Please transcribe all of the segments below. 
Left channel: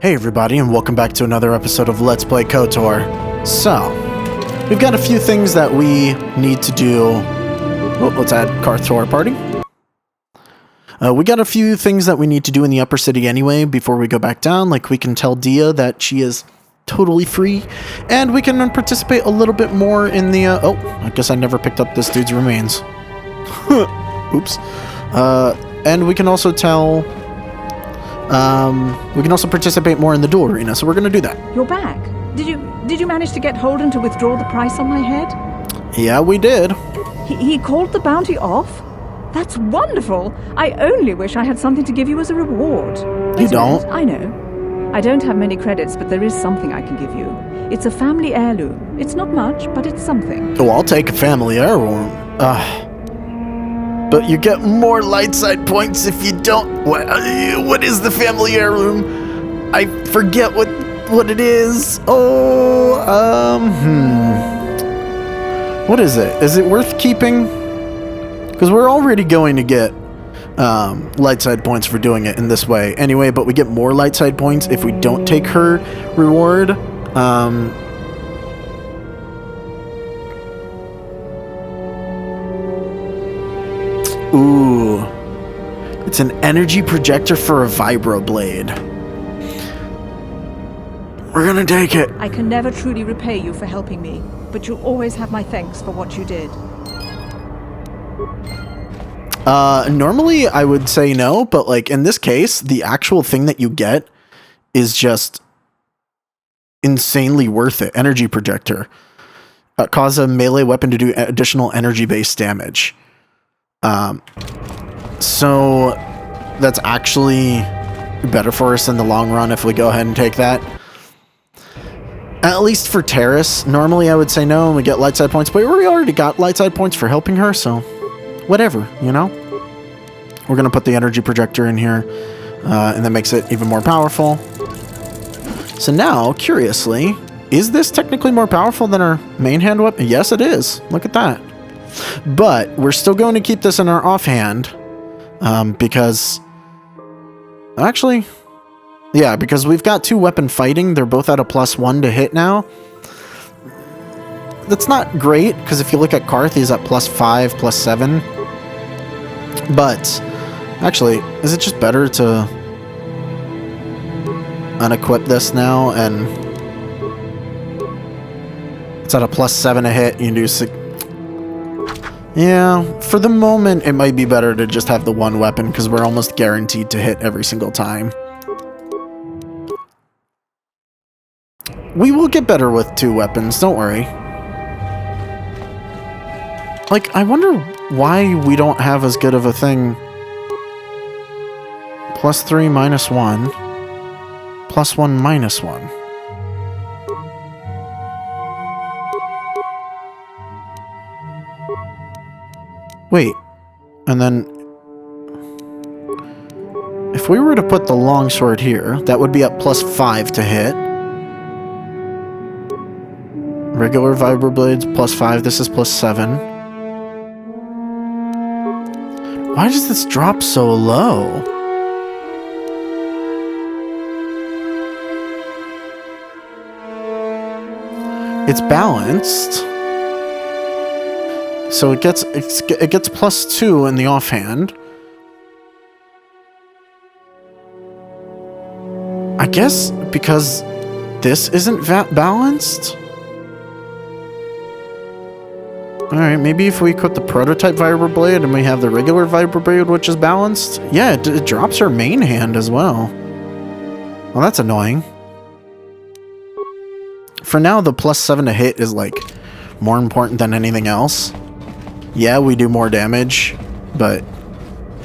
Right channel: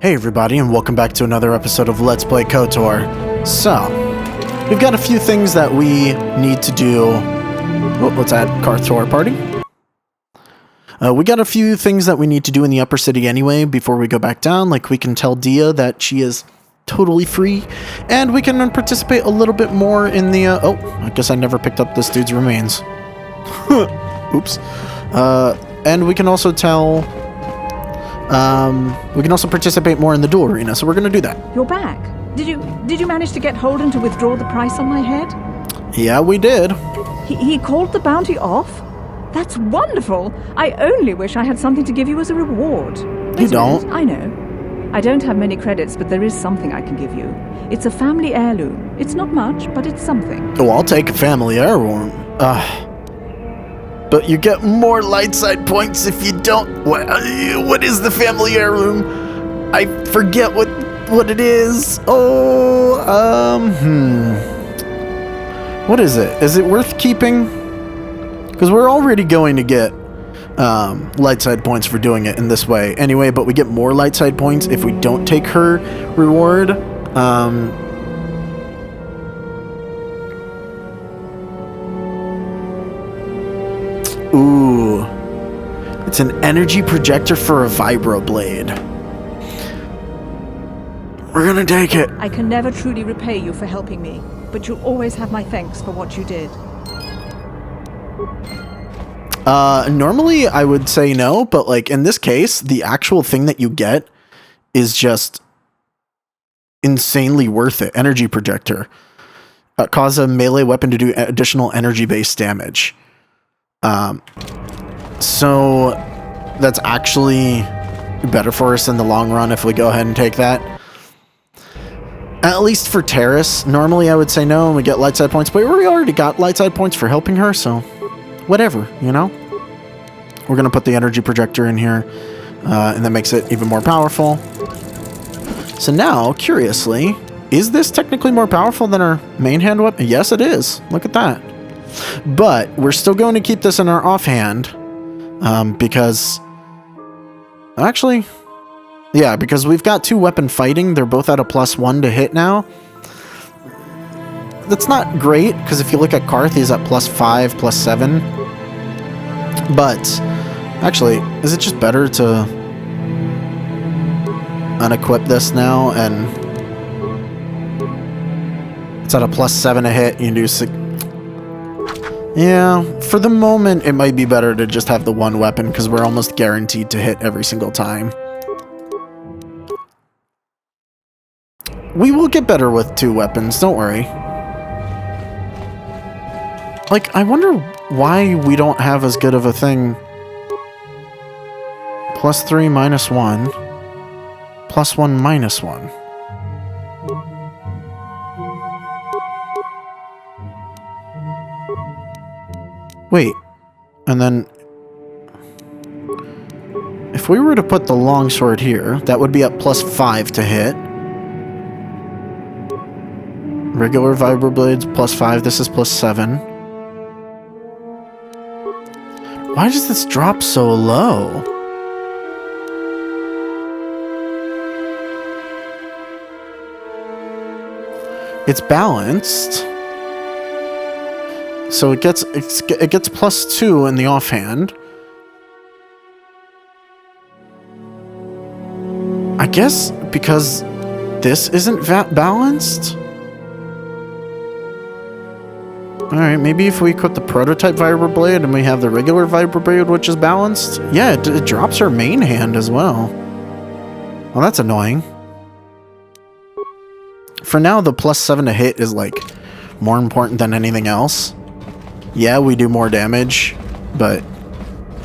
Hey everybody, and welcome back to another episode of Let's Play KOTOR. So, we've got a few things that we need to do. Oh, let's add Karth to our party. We got a few things that we need to do in the upper city anyway before we go back down. Like, we can tell Dia that she is totally free, and we can participate a little bit more in the, oh, I guess I never picked up this dude's remains. Oops. And we can also tell... we can also participate more in the duel arena, so we're going to do that. You're back. Did you manage to get Holden to withdraw the price on my head? Yeah, we did. He called the bounty off? That's wonderful. I only wish I had something to give you as a reward. You don't. I know. I don't have many credits, but there is something I can give you. It's a family heirloom. It's not much, but it's something. Oh, I'll take a family heirloom. But you get more light side points if you don't. What is the family heirloom? I forget what it is. Oh, What is it? Is it worth keeping? Because we're already going to get light side points for doing it in this way anyway, but we get more light side points if we don't take her reward. Ooh. It's an energy projector for a vibroblade. We're gonna take it. I can never truly repay you for helping me, but you'll always have my thanks for what you did. Normally I would say no, but like in this case, the actual thing that you get is just insanely worth it. Energy projector. Cause a melee weapon to do additional energy-based damage. So that's actually better for us in the long run if we go ahead and take that. At least for Terrace, normally I would say no and we get light side points, but we already got light side points for helping her, so whatever, you know? We're gonna put the energy projector in here, and that makes it even more powerful. So now, curiously, is this technically more powerful than our main hand weapon? Yes, it is. Look at that. But we're still going to keep this in our offhand, because actually, yeah, because we've got 2 weapon fighting. They're both at a +1 to hit now. That's not great, because if you look at Karth, he's at +5, +7. But actually, is it just better to unequip this now? And it's at a +7 to hit. You can do 6. Yeah, for the moment, it might be better to just have the 1 weapon because we're almost guaranteed to hit every single time. We will get better with 2 weapons, don't worry. Like, I wonder why we don't have as good of a thing. +3, -1. +1, -1. Wait, and then if we were to put the longsword here, that would be at +5 to hit. Regular vibroblades +5, this is +7. Why does this drop so low? It's balanced. So it gets +2 in the offhand. I guess because this isn't balanced? Alright, maybe if we equip the prototype vibroblade and we have the regular vibroblade which is balanced. Yeah, it drops her main hand as well. Well, that's annoying. For now, the +7 to hit is like more important than anything else. Yeah, we do more damage, but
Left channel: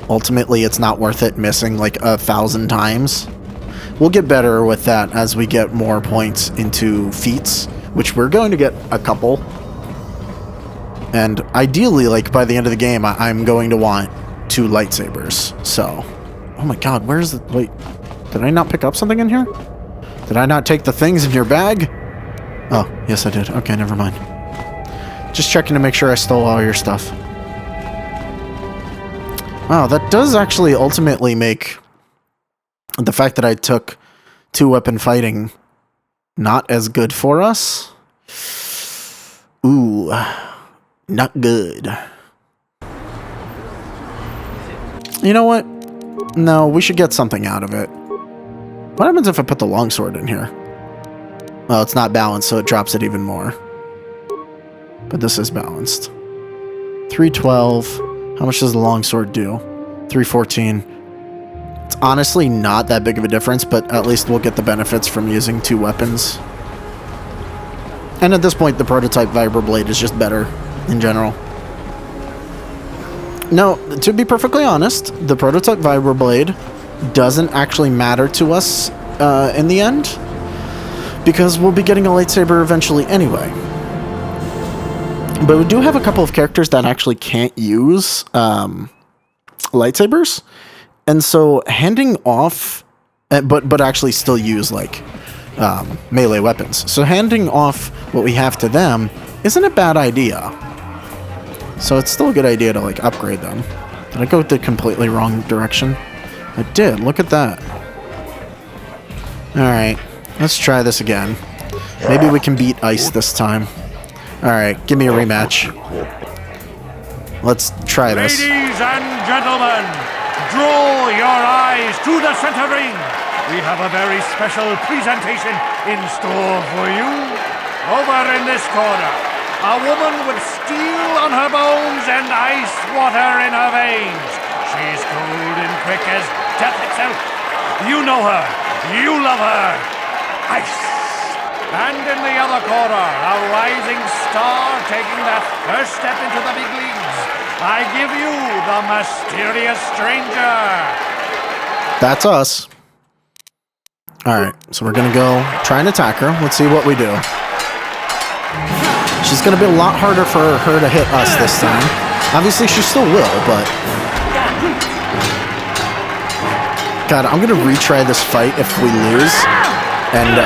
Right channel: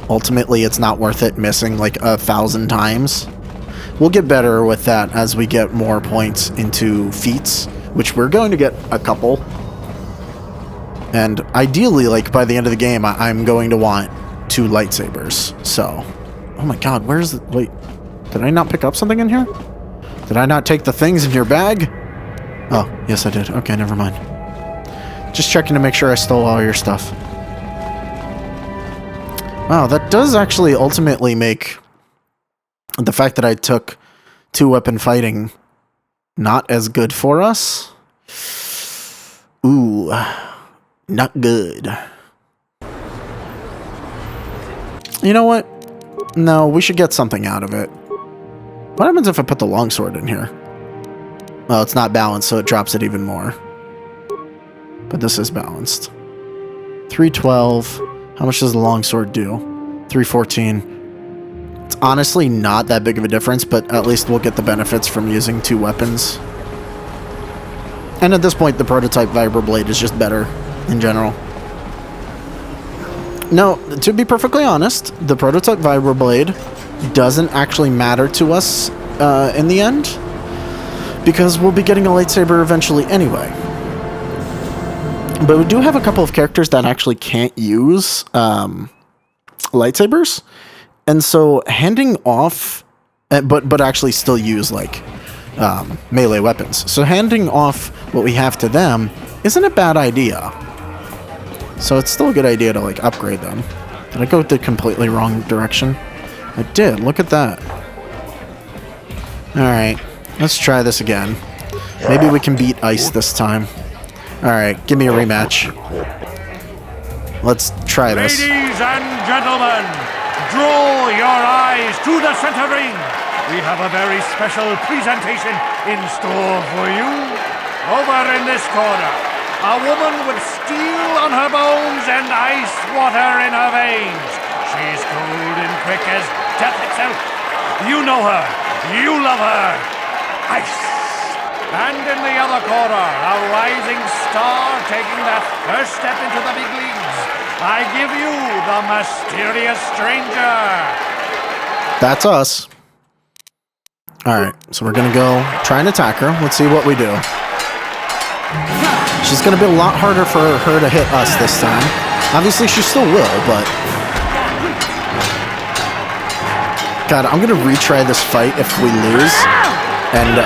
ultimately it's not worth it missing like 1,000 times. We'll get better with that as we get more points into feats, which we're going to get a couple. And ideally, like by the end of the game, I'm going to want 2 lightsabers. So, oh my god, where's the, wait, did I not pick up something in here? Did I not take the things in your bag? Oh, yes I did. Okay, never mind. Just checking to make sure I stole all your stuff. Wow, that does actually ultimately make the fact that I took 2-weapon fighting not as good for us? Ooh, not good. You know what? No, we should get something out of it. What happens if I put the longsword in here? Well, it's not balanced, so it drops it even more. But this is balanced. 312. How much does the longsword do? 314. It's honestly not that big of a difference, but at least we'll get the benefits from using 2 weapons. And at this point, the prototype vibroblade is just better in general. No, to be perfectly honest, the prototype vibroblade doesn't actually matter to us in the end, because we'll be getting a lightsaber eventually anyway. But we do have a couple of characters that actually can't use lightsabers, and so handing off, but actually still use like melee weapons. So handing off what we have to them isn't a bad idea. So it's still a good idea to like upgrade them. Did I go the completely wrong direction? I did. Look at that. All right, let's try this again. Maybe we can beat Ice this time. All right, give me a rematch. Let's try this. Ladies and gentlemen, draw your eyes to the center ring. We have a very special presentation in store for you. Over in this corner, a woman with steel on her bones and ice water in her veins. She's cold and quick as death itself. You know her. You love her. Ice. And in the other corner, a rising star taking that first step into the big leagues. I give you the mysterious stranger. That's us. Alright, so we're gonna go try and attack her. Let's see what we do. She's gonna be a lot harder for her to hit us this time. Obviously, she still will, but... God, I'm gonna retry this fight if we lose. And,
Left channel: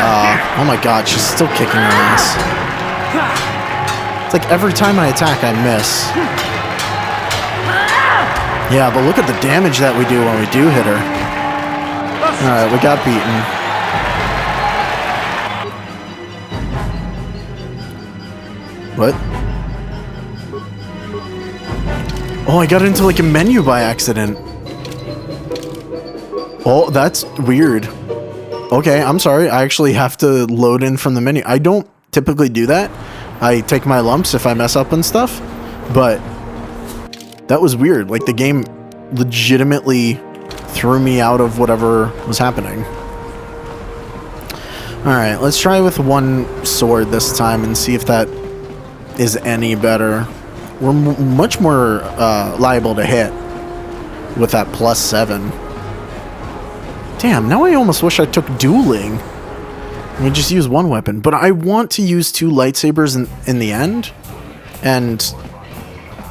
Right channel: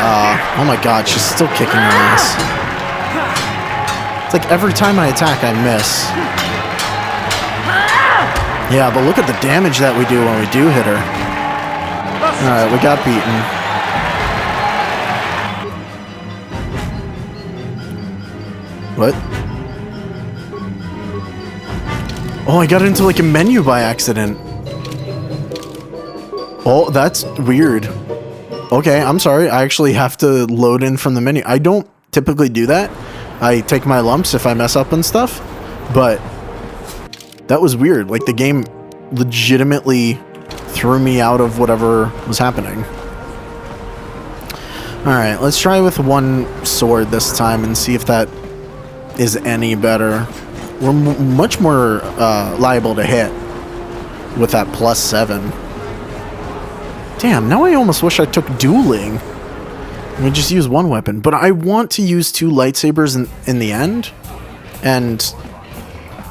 oh my god, she's still kicking her ass. It's like every time I attack, I miss. Yeah, but look at the damage that we do when we do hit her. Alright, we got beaten. What? Oh, I got into like a menu by accident. Oh, that's weird. Okay, I'm sorry. I actually have to load in from the menu. I don't typically do that. I take my lumps if I mess up and stuff. But that was weird. Like the game legitimately threw me out of whatever was happening. Alright, let's try with one sword this time and see if that is any better. We're much more liable to hit with that +7. Damn, now I almost wish I took dueling. We just use one weapon, but I want to use 2 lightsabers in the end. And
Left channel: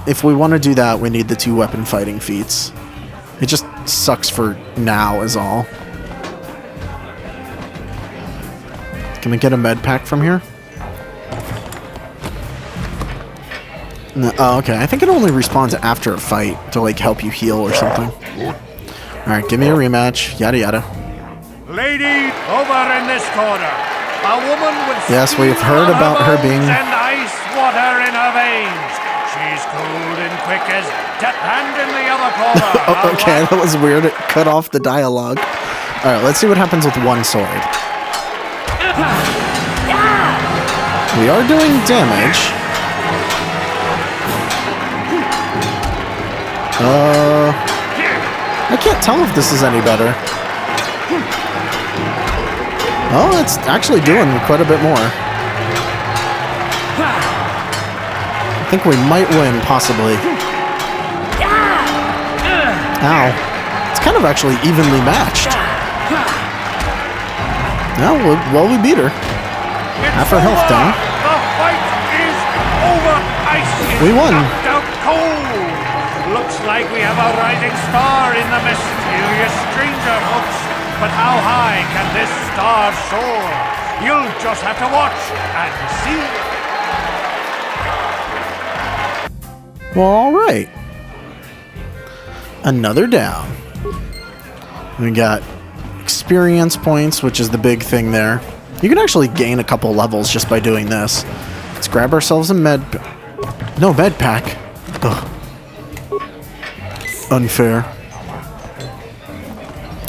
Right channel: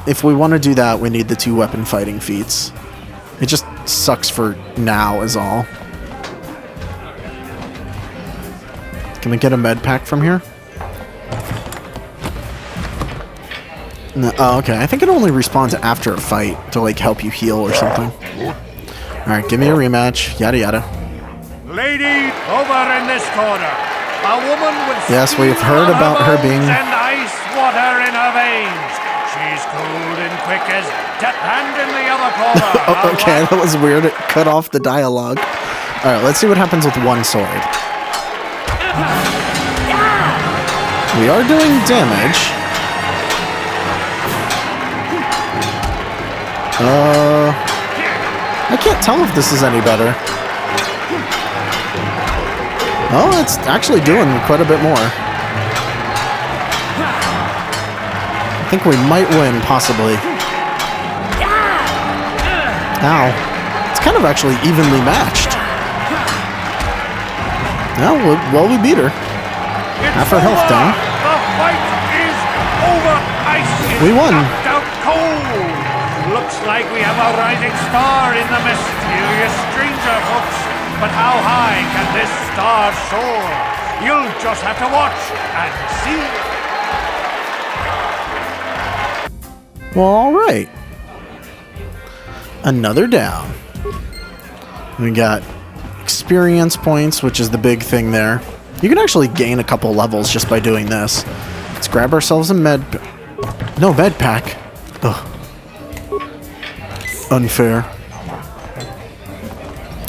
if we want to do that, we need the 2 weapon fighting feats. It just sucks for now is all. Can we get a med pack from here? No, oh, okay. I think it only respawns after a fight to like help you heal or something. Alright, give me a rematch. Yada yada. Lady, over in this corner, a woman with yes, we've heard about her being and ice water in her veins. She's cold and quick as death. And in the other corner. Okay, that was weird. It cut off the dialogue. Alright, let's see what happens with one sword. We are doing damage. I can't tell if this is any better. Oh, it's actually doing quite a bit more. I think we might win, possibly. Ow. It's kind of actually evenly matched. No, well, we beat her. Half her health down. The fight is over. Ice We won. knocked out cold. Looks like we have a rising star in the mysterious stranger, folks. But how high can this star soar? You'll just have to watch and see. Well, alright. Another down. We got experience points, which is the big thing there. You can actually gain a couple levels just by doing this. Let's grab ourselves a med pack. Ugh. Unfair.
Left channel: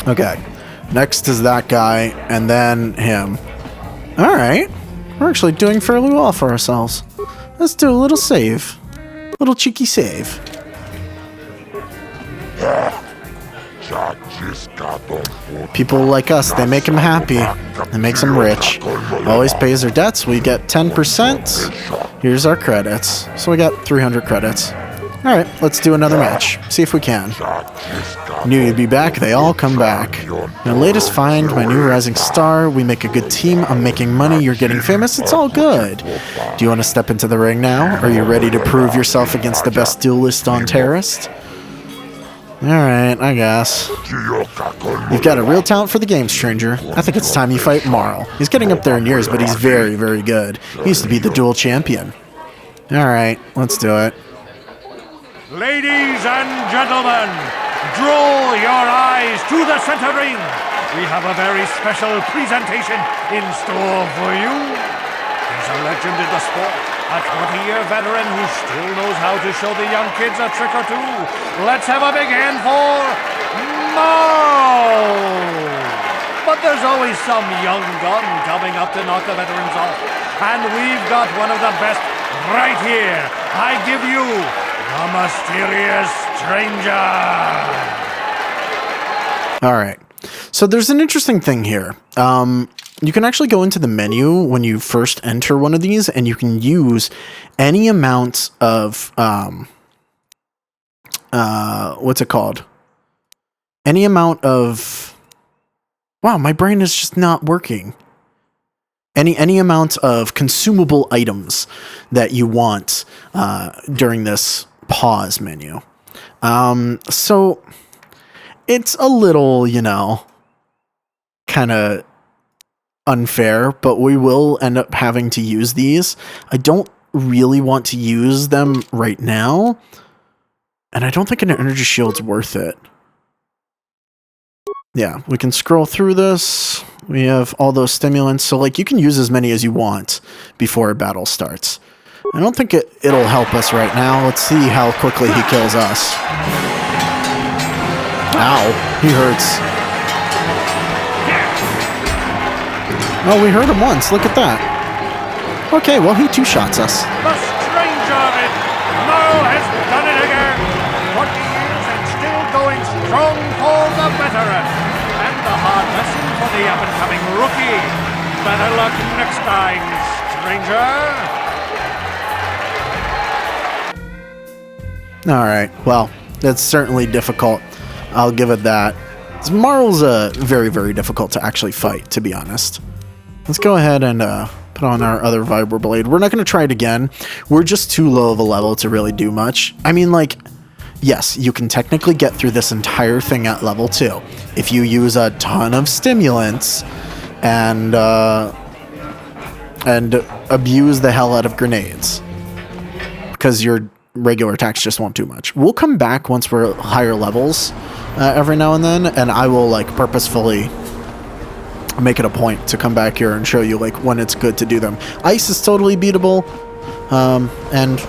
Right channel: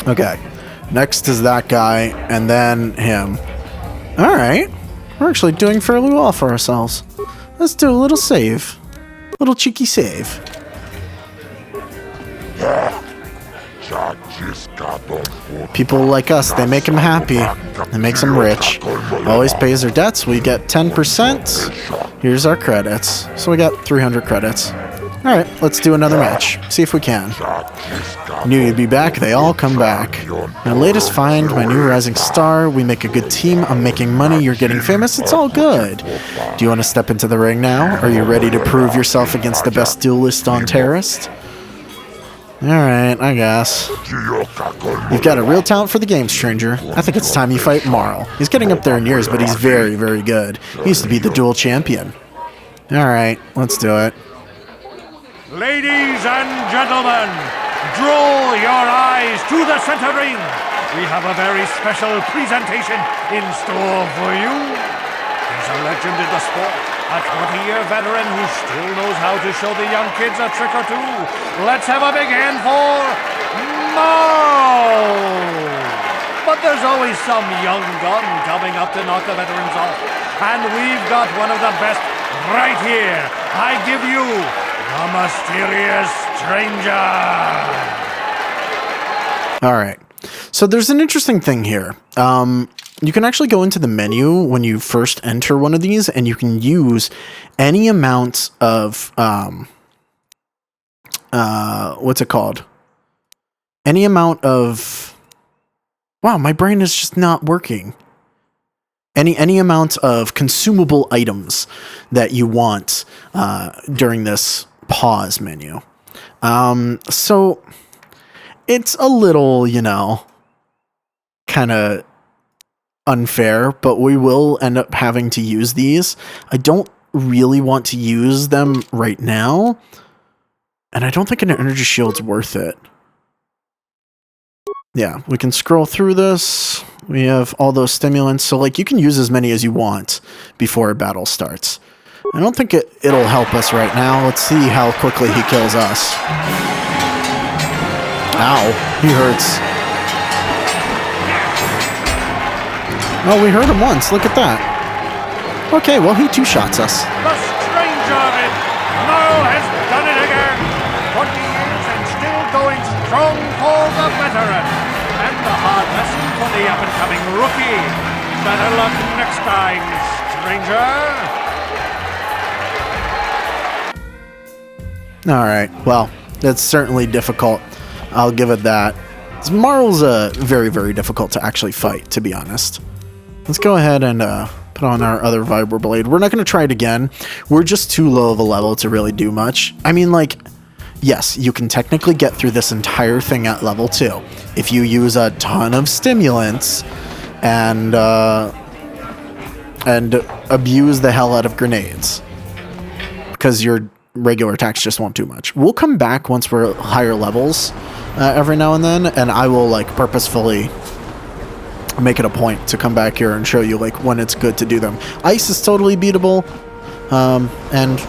Okay. Next is that guy, and then him. Alright. We're actually doing fairly well for ourselves. Let's do a little save. Little cheeky save. People like us, they make him happy. It makes him rich. Always pays their debts. We get 10%. Here's our credits. So we got 300 credits. Alright, let's do another match. See if we can. Knew you'd be back. They all come back. My latest find, my new rising star. We make a good team. I'm making money. You're getting famous. It's all good. Do you want to step into the ring now? Are you ready to prove yourself against the best duelist on Terrorist? Alright, I guess. You've got a real talent for the game, stranger. I think it's time you fight Marl. He's getting up there in years, but he's very, very good. He used to be the duel champion. Alright, let's do it. Ladies and gentlemen, draw your eyes to the center ring. We have a very special presentation in store for you. He's a legend in the sport, a 20-year veteran who still knows how to show the young kids a trick or two. Let's have a big hand for Marl. But there's always some young gun coming up to knock the veterans off. And we've got one of the best right here. I give you the mysterious stranger. All right. So there's an interesting thing here. You can actually go into the menu when you first enter one of these, and you can use any amount of what's it called? Any amount of, wow, my brain is just not working. Any amount of consumable items that you want during this pause menu. So it's a little, you know, kind of unfair, but we will end up having to use these. I don't really want to use them right now, and I don't think an energy shield's worth it. Yeah, we can scroll through this. We have all those stimulants, so like you can use as many as you want before a battle starts. I don't think it'll help us right now. Let's see how quickly he kills us. Ow, he hurts. Oh, we hurt him once. Look at that. Okay, well, he two-shots us. The stranger of it, Marl has done it again. 20 years and still going strong for the veteran. And the hard lesson for the up-and-coming rookie. Better luck next time, stranger. All right, well, that's certainly difficult. I'll give it that. Marl's very, very difficult to actually fight, to be honest. Let's go ahead and put on our other vibroblade. We're not going to try it again. We're just too low of a level to really do much. I mean, like, yes, you can technically get through this entire thing at level 2 if you use a ton of stimulants and abuse the hell out of grenades, because your regular attacks just won't do much. We'll come back once we're higher levels every now and then, and I will like purposefully make it a point to come back here and show you like when it's good to do them. Ice is totally beatable, and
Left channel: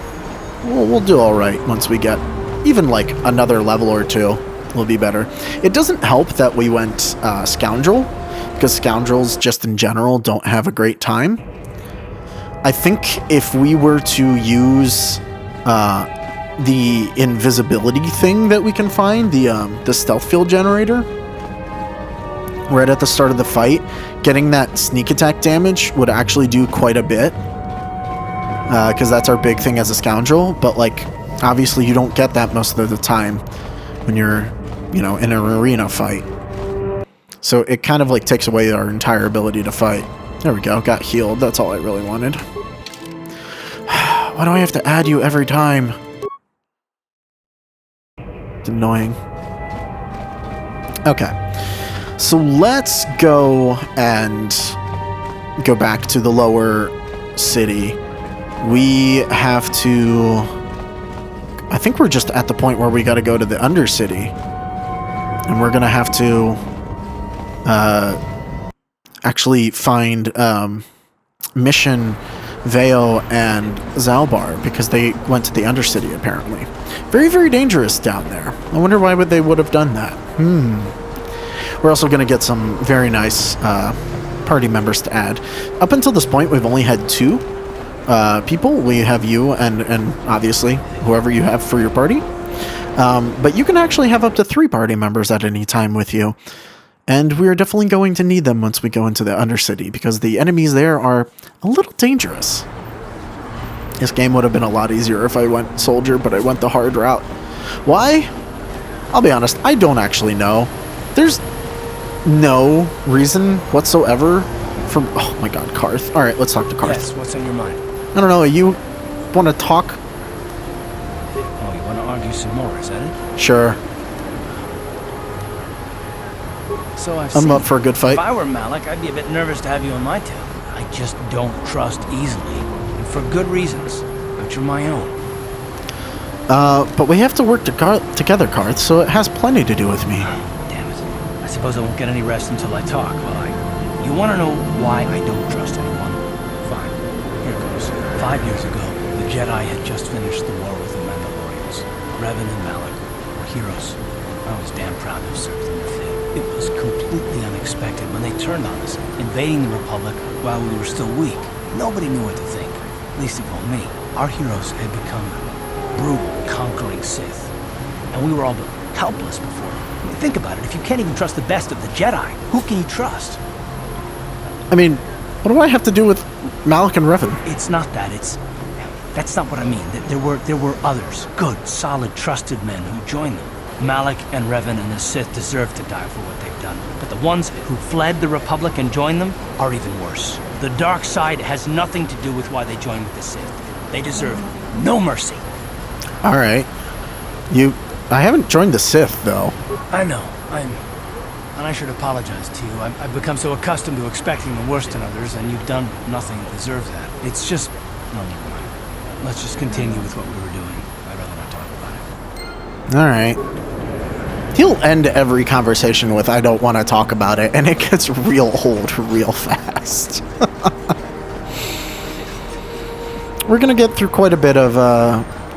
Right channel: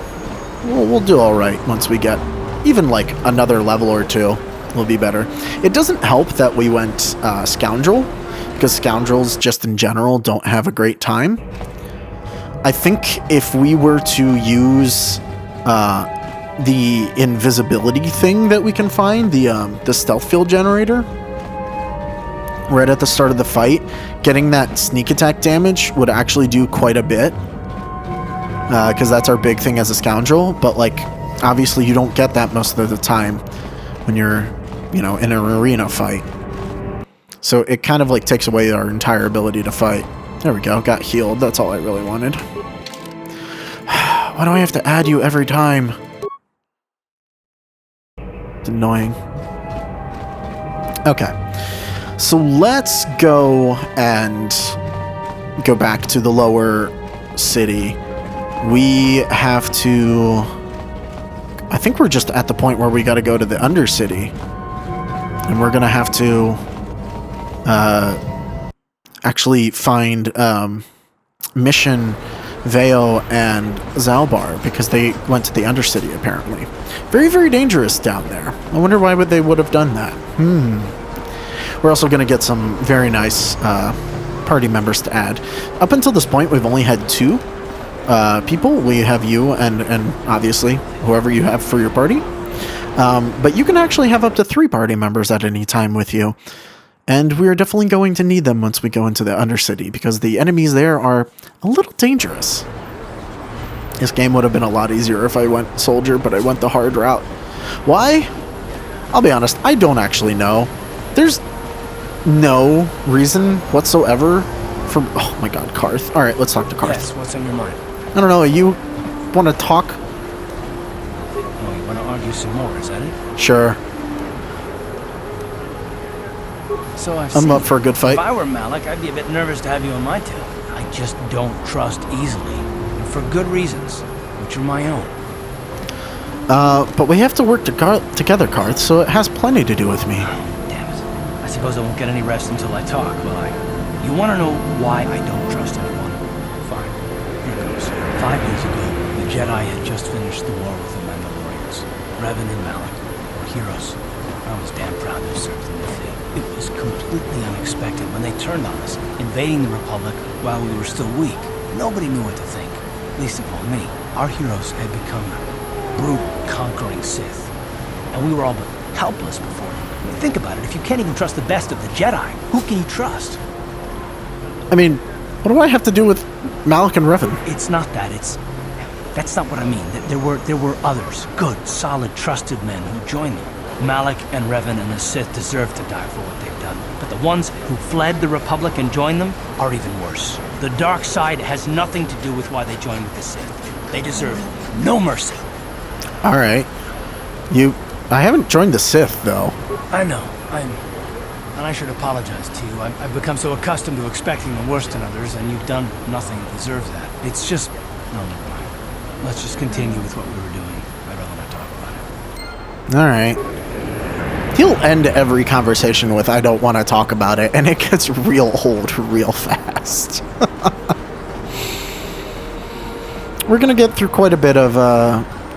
we'll do all right once we get even like another level or two. Will be better. It doesn't help that we went Scoundrel, because Scoundrels just in general don't have a great time. I think if we were to use the invisibility thing that we can find, the stealth field generator, right at the start of the fight, getting that sneak attack damage would actually do quite a bit, because that's our big thing as a Scoundrel. But like, obviously you don't get that most of the time when you're, you know, in an arena fight. So it kind of like takes away our entire ability to fight. There we go, got healed. That's all I really wanted. Why do I have to add you every time? It's annoying. Okay. So let's go and go back to the lower city. We have to... I think we're just at the point where we got to go to the Undercity. And we're going to have to actually find Mission, Vale, and Zalbar because they went to the Undercity, apparently. Very, very dangerous down there. I wonder why they would have done that. We're also going to get some very nice party members to add. Up until this point, we've only had 2 people. We have you and obviously whoever you have for your party. But you can actually have up to 3 party members at any time with you. And we're definitely going to need them once we go into the Undercity, because the enemies there are a little dangerous. This game would have been a lot easier if I went soldier, but I went the hard route. Why? I'll be honest, I don't actually know. There's no reason whatsoever for... Oh my god, Karth. Alright, let's talk to Karth. Yes, what's on your mind? I don't know, you want to talk? Oh, you want to argue some more, is that it? Sure. So I'm up for a good fight. If I were Malik, I'd be a bit nervous to have you on my tail. I just don't trust easily, and for good reasons, which are my own. But we have to work together, Karth, so it has plenty to do with me. Damn it. I suppose I won't get any rest until I talk, will I? You want to know why I don't trust anyone? Fine. Here goes. 5 years ago, the Jedi had just finished the war with the Mandalorians. Revan and Malik were heroes. I was damn proud to have served in the fleet. It was completely unexpected when they turned on us, invading the Republic while we were still weak. Nobody knew what to think, least of all me. Our heroes had become brutal, conquering Sith, and we were all but helpless before them. I mean, think about it, if you can't even trust the best of the Jedi, who can you trust? I mean, what do I have to do with Malik and Revan? It's not that, that's not what I mean. There were others, good, solid, trusted men who joined them. Malik and Revan and the Sith deserve to die for what they've done. But the ones who fled the Republic and joined them are even worse. The dark side has nothing to do with why they joined with the Sith. They deserve no mercy. Alright. I haven't joined the Sith, though. I know. And I should apologize to you. I've become so accustomed to expecting the worst in others, and you've done nothing to deserve that. It's just... No, never mind. Let's just continue with what we were doing. I'd rather not talk about it. Alright. He'll end every conversation with, I don't want to talk about it, and it gets real old real fast. We're going to get through quite a bit of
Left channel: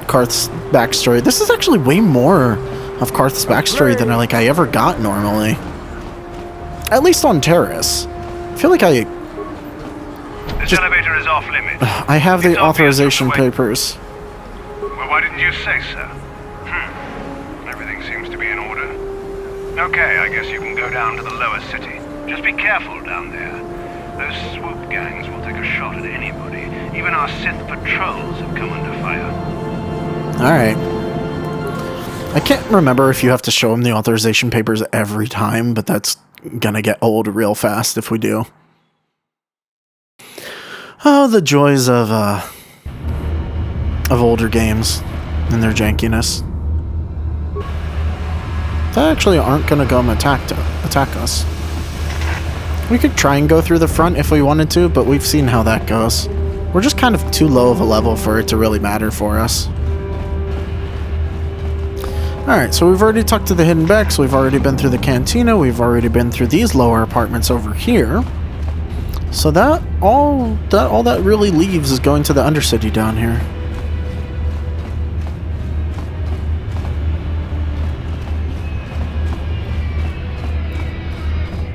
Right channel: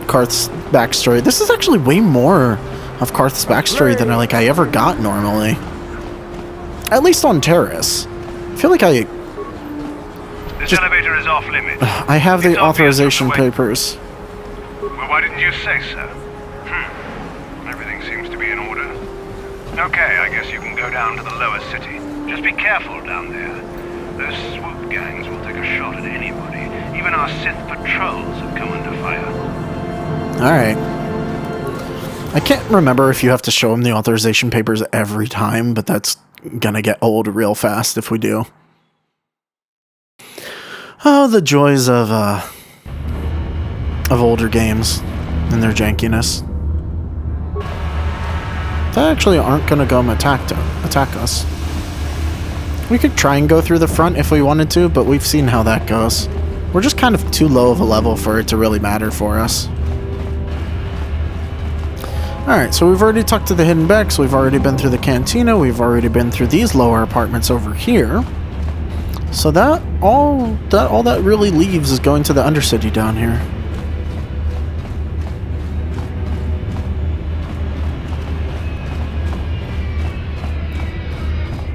Karth's backstory. This is actually way more of Karth's backstory than I ever got normally. At least on Terrace. I feel like This elevator is off limits. I have the authorization papers. Well, why didn't you say so? Everything seems to be in order. Okay, I guess you can go down to the lower city. Just be careful down there. Those swoop gangs will take a shot at anybody. Even our Sith patrols have come under fire. Alright. I can't remember if you have to show him the authorization papers every time, but that's gonna get old real fast if we do. Oh, the joys of older games and their jankiness. They actually aren't gonna come attack us. We could try and go through the front if we wanted to, but we've seen how that goes. We're just kind of too low of a level for it to really matter for us. Alright, so we've already talked to the Hidden Becks, we've already been through the Cantina, we've already been through these lower apartments over here. So all that really leaves is going to the Undercity down here.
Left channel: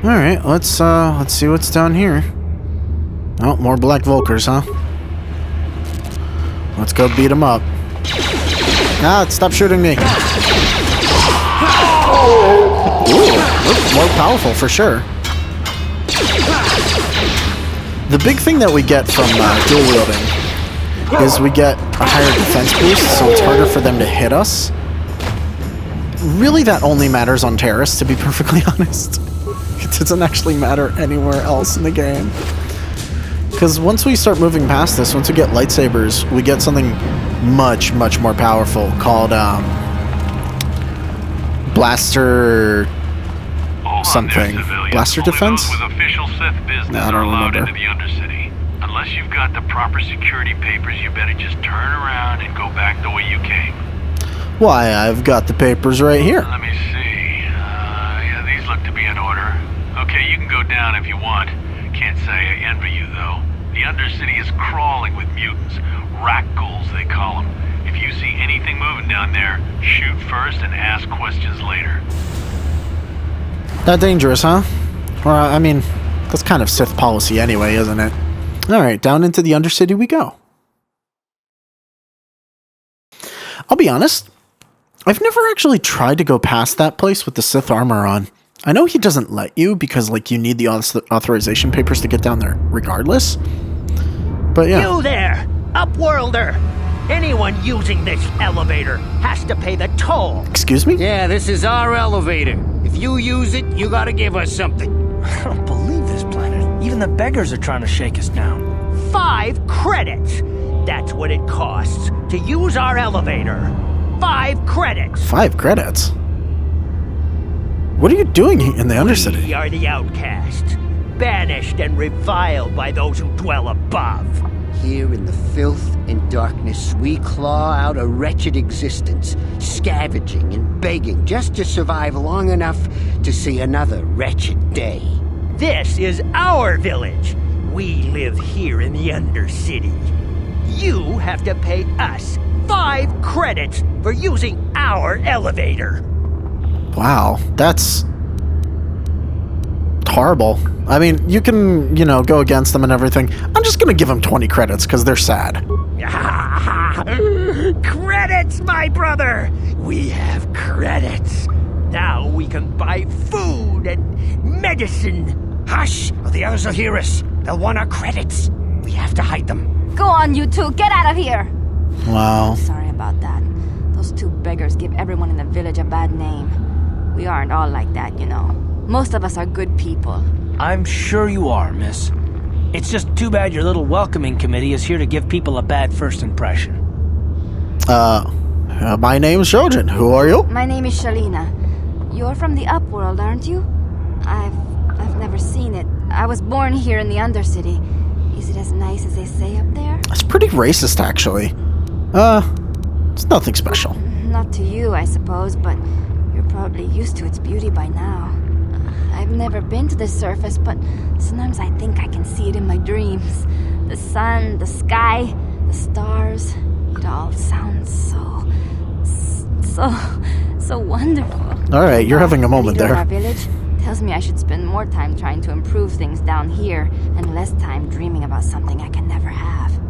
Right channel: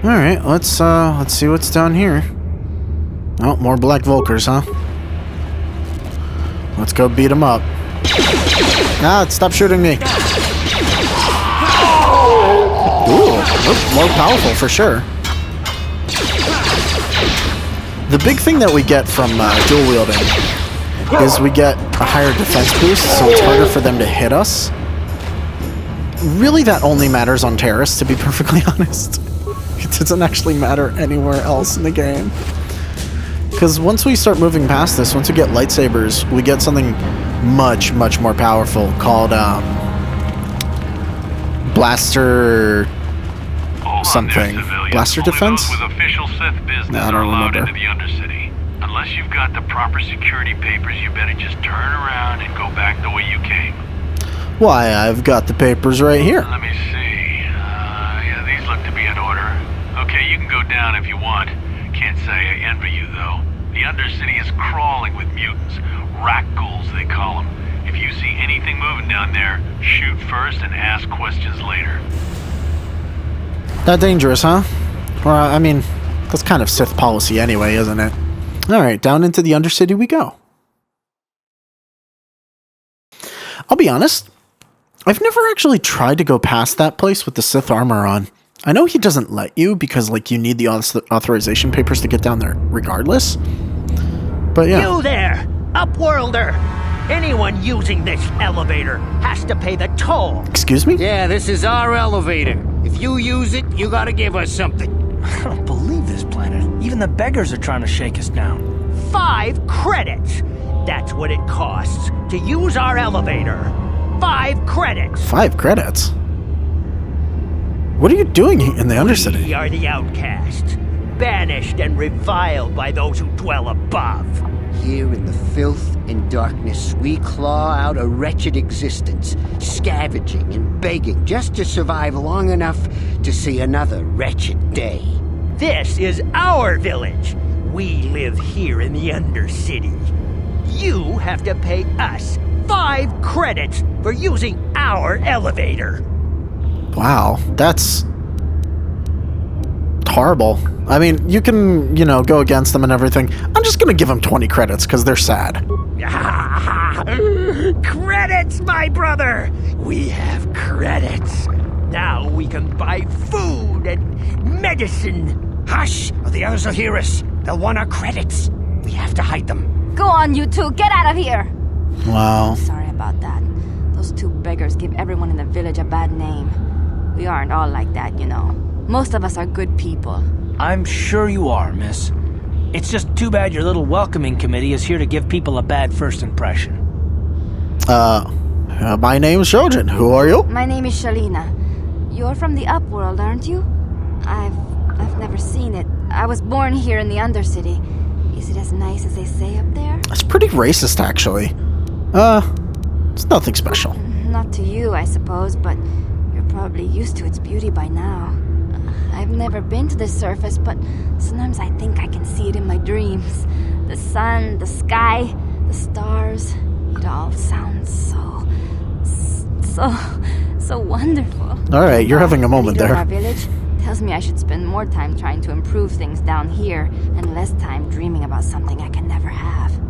Alright, let's see what's down here. Oh, more Black Vulkars, huh? Let's go beat them up. Ah, stop shooting me. Ooh, more powerful for sure. The big thing that we get from dual wielding is we get a higher defense boost, so it's harder for them to hit us. Really, that only matters on Terrace, to be perfectly honest. It doesn't actually matter anywhere else in the game. Because once we start moving past this, once we get lightsabers, we get something much, much more powerful called Blaster something. Blaster defense? With official Sith business No, I don't remember. into the Undercity. Unless you've got the proper security papers, you better just turn around and go back the way you came. Why, I've got the papers right here. Let me see. Yeah, these look to be in order. Okay, you down if you want. Can't say I envy you, though. The Undercity is crawling with mutants. Rat ghouls, they call them. If you see anything moving down there, shoot first and ask questions later. That dangerous, huh? Well, I mean, that's kind of Sith policy anyway, isn't it? Alright, down into the Undercity we go. I'll be honest, I've never actually tried to go past that place with the Sith armor on. I know he doesn't let you because, like, you need the authorization papers to get down there regardless. But yeah. You there, Upworlder! Anyone using this elevator has to pay the toll. Excuse me? Yeah, this is our elevator. If you use it, you gotta give us something. I don't believe this planet. Even the beggars are trying to shake us down. 5 credits. That's what it costs to use our elevator. 5 credits. 5 credits? What are you doing in the Undercity? We are the outcasts, banished and reviled by those who dwell above. Here in the filth and darkness, we claw out a wretched existence, scavenging and begging just to survive long enough to see another wretched day. This is our village. We live here in the Undercity. You have to pay us 5 credits for using our elevator. Wow, that's horrible. I mean, you can, go against them and everything. I'm just gonna give them 20 credits because they're sad. Credits, my brother! We have credits. Now we can buy food and medicine. Hush, or the others will hear us. They'll want our credits. We have to hide them. Go on, you two. Get out of here. Wow. Sorry about that. Those 2 beggars give everyone in the village a bad name. We aren't all like that, you know. Most of us are good people. I'm sure you are, miss. It's just too bad your little welcoming committee is here to give people a bad first impression. My name's Shojin. Who are you? My name is Shalina. You're from the Upworld, aren't you? I've never seen it. I was born here in the Undercity. Is it as nice as they say up there? It's pretty racist, actually. It's nothing special. Not to you, I suppose, but you're probably used to its beauty by now. I've never been to the surface, but sometimes I think I can see it in my dreams. The sun, the sky, the stars. It all sounds so wonderful. All right, you're having a moment The leader there. of our village tells me I should spend more time trying to improve things down here and less time dreaming about something I can never have.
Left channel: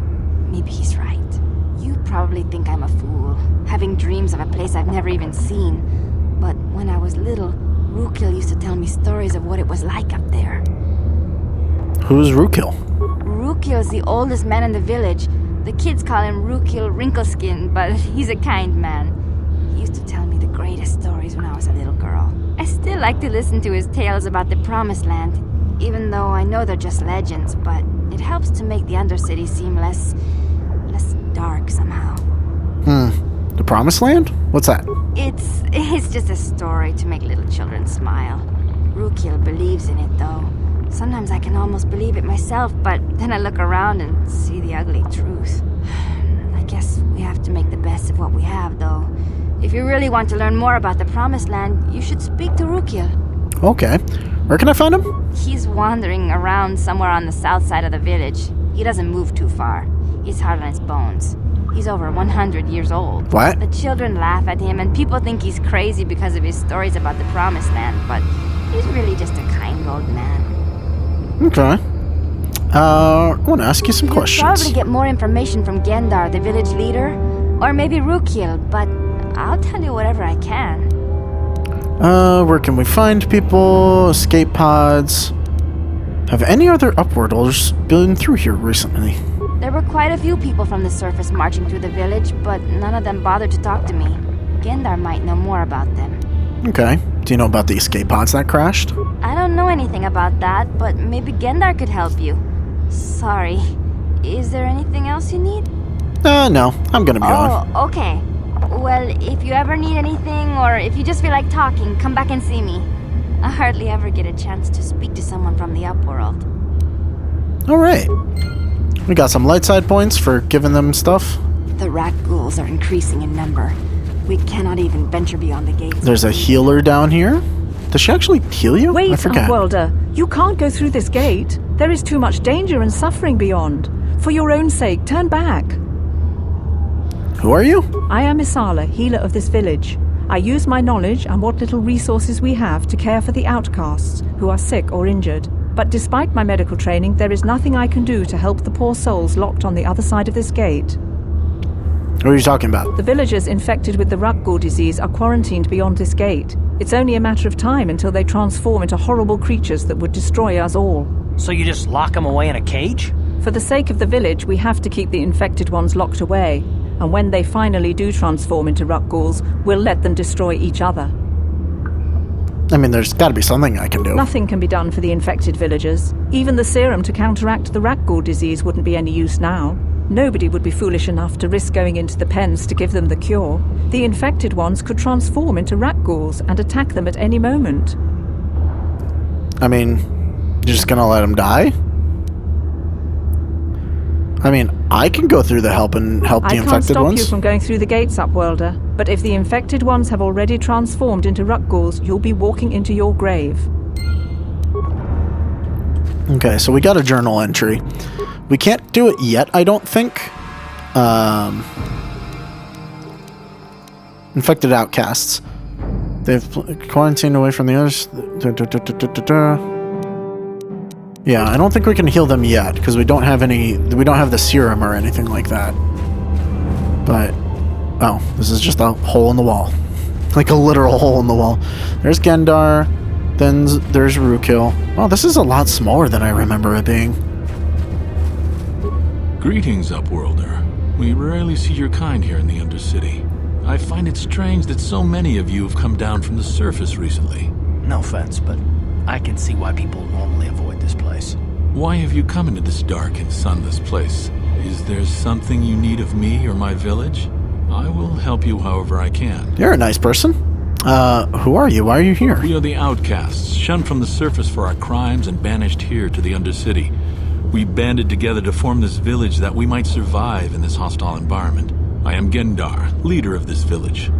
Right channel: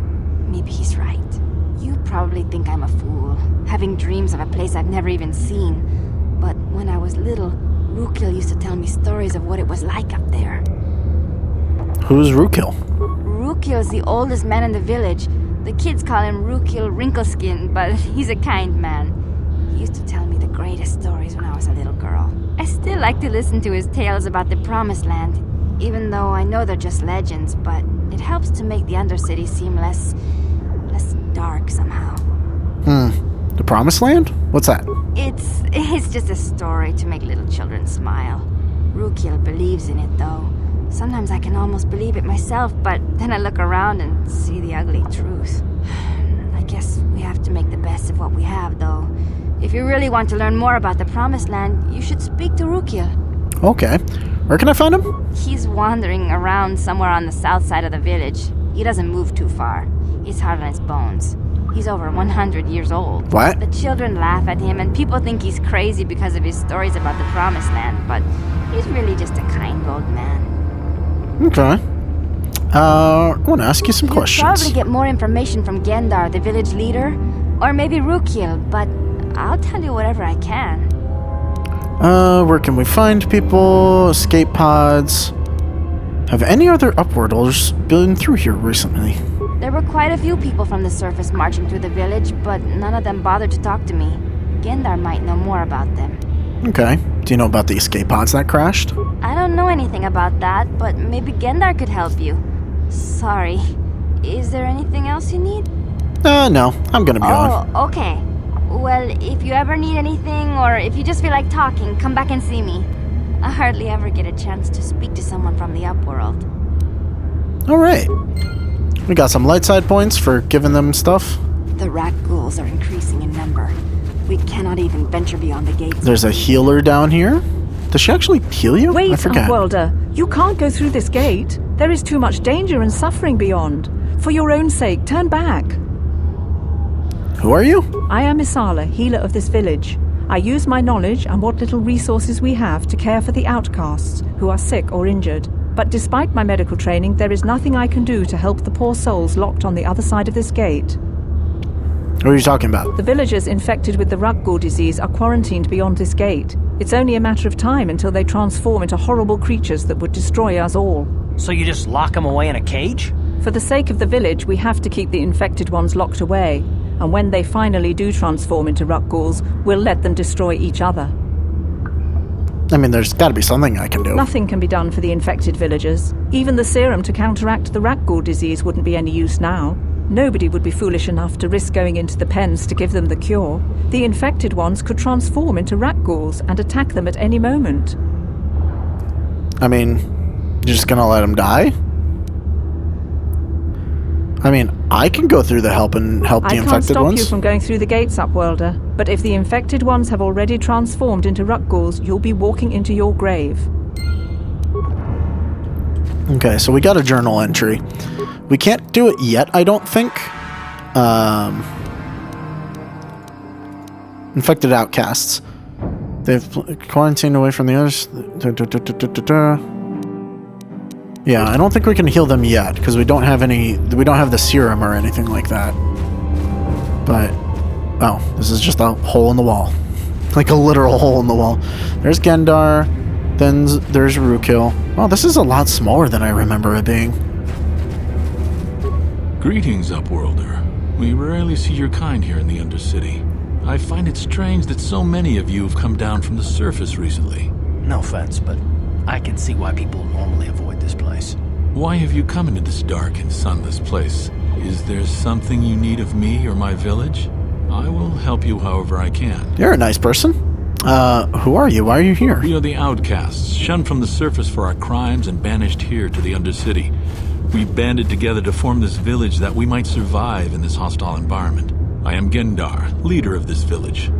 Maybe he's right. You probably think I'm a fool, having dreams of a place I've never even seen. But when I was little, Rukil used to tell me stories of what it was like up there. Who's Rukil? Rukil's the oldest man in the village. The kids call him Rukil Wrinkleskin, but he's a kind man. He used to tell me the greatest stories when I was a little girl. I still like to listen to his tales about the Promised Land, even though I know they're just legends, but it helps to make the Undercity seem less dark somehow. The Promised Land? What's that? It's just a story to make little children smile. Rukil believes in it, though. Sometimes I can almost believe it myself, but then I look around and see the ugly truth. I guess we have to make the best of what we have, though. If you really want to learn more about the Promised Land, you should speak to Rukil. Okay. Where can I find him? He's wandering around somewhere on the south side of the village. He doesn't move too far. He's hard on his bones. He's over 100 years old. What? The children laugh at him, and people think he's crazy because of his stories about the Promised Land, but he's really just a kind old man. Okay. I want to ask you some You'll questions. probably get more information from Gendar, the village leader, or maybe Rukil, but I'll tell you whatever I can. Where can we find people? Escape pods. Have any other Upworlders been through here recently? There were quite a few people from the surface marching through the village, but none of them bothered to talk to me. Gendar might know more about them. Okay. Do you know about the escape pods that crashed? I don't know anything about that, but maybe Gendar could help you. Sorry. Is there anything else you need? No. I'm gonna be on. Oh, okay. Well, if you ever need anything, or if you just feel like talking, come back and see me. I hardly ever get a chance to speak to someone from the Upworld. Alright. We got some light side points for giving them stuff. The rat ghouls are increasing in number. We cannot even venture beyond the gates. There's a healer down here. Does she actually heal you? I Wait, forget. Upworlder. You can't go through this gate. There is too much danger and suffering beyond. For your own sake, turn back. Who are you? I am Isala, healer of this village. I use my knowledge and what little resources we have to care for the outcasts who are sick or injured. But despite my medical training, there is nothing I can do to help the poor souls locked on the other side of this gate. What are you talking about? The villagers infected with the Rukgul disease are quarantined beyond this gate. It's only a matter of time until they transform into horrible creatures that would destroy us all. So you just lock them away in a cage? For the sake of the village, we have to keep the infected ones locked away. And when they finally do transform into Rukguls, we'll let them destroy each other. I mean, there's got to be something I can do. Nothing can be done for the infected villagers. Even the serum to counteract the Rukgul disease wouldn't be any use now. Nobody would be foolish enough to risk going into the pens to give them the cure. The infected ones could transform into Rukguls and attack them at any moment. I mean, you're just gonna let them die? I mean, I can go through the help the infected ones. I can't stop you from going through the gates, Upworlder. But if the infected ones have already transformed into Rukguls, you'll be walking into your grave. Okay, so we got a journal entry. We can't do it yet, I don't think. Infected outcasts. They've quarantined away from the others. Yeah, I don't think we can heal them yet because we don't have the serum or anything like that. But oh, this is just a hole in the wall. Like a literal hole in the wall. There's Gendar, then there's Rukil. Oh, this is a lot smaller than I remember it being. Greetings, Upworlder. We rarely see your kind here in the Undercity. I find it strange that so many of you have come down from the surface recently. No offense, but I can see why people normally avoid this place. Why have you come into this dark and sunless place? Is there something you need of me or my village? I will help you however I can. You're a nice person. Who are you? Why are you here? We are the outcasts, shunned from the surface for our crimes and banished here to the Undercity. We banded together to form this village that we might survive in this hostile environment. I am Gendar, leader of this village,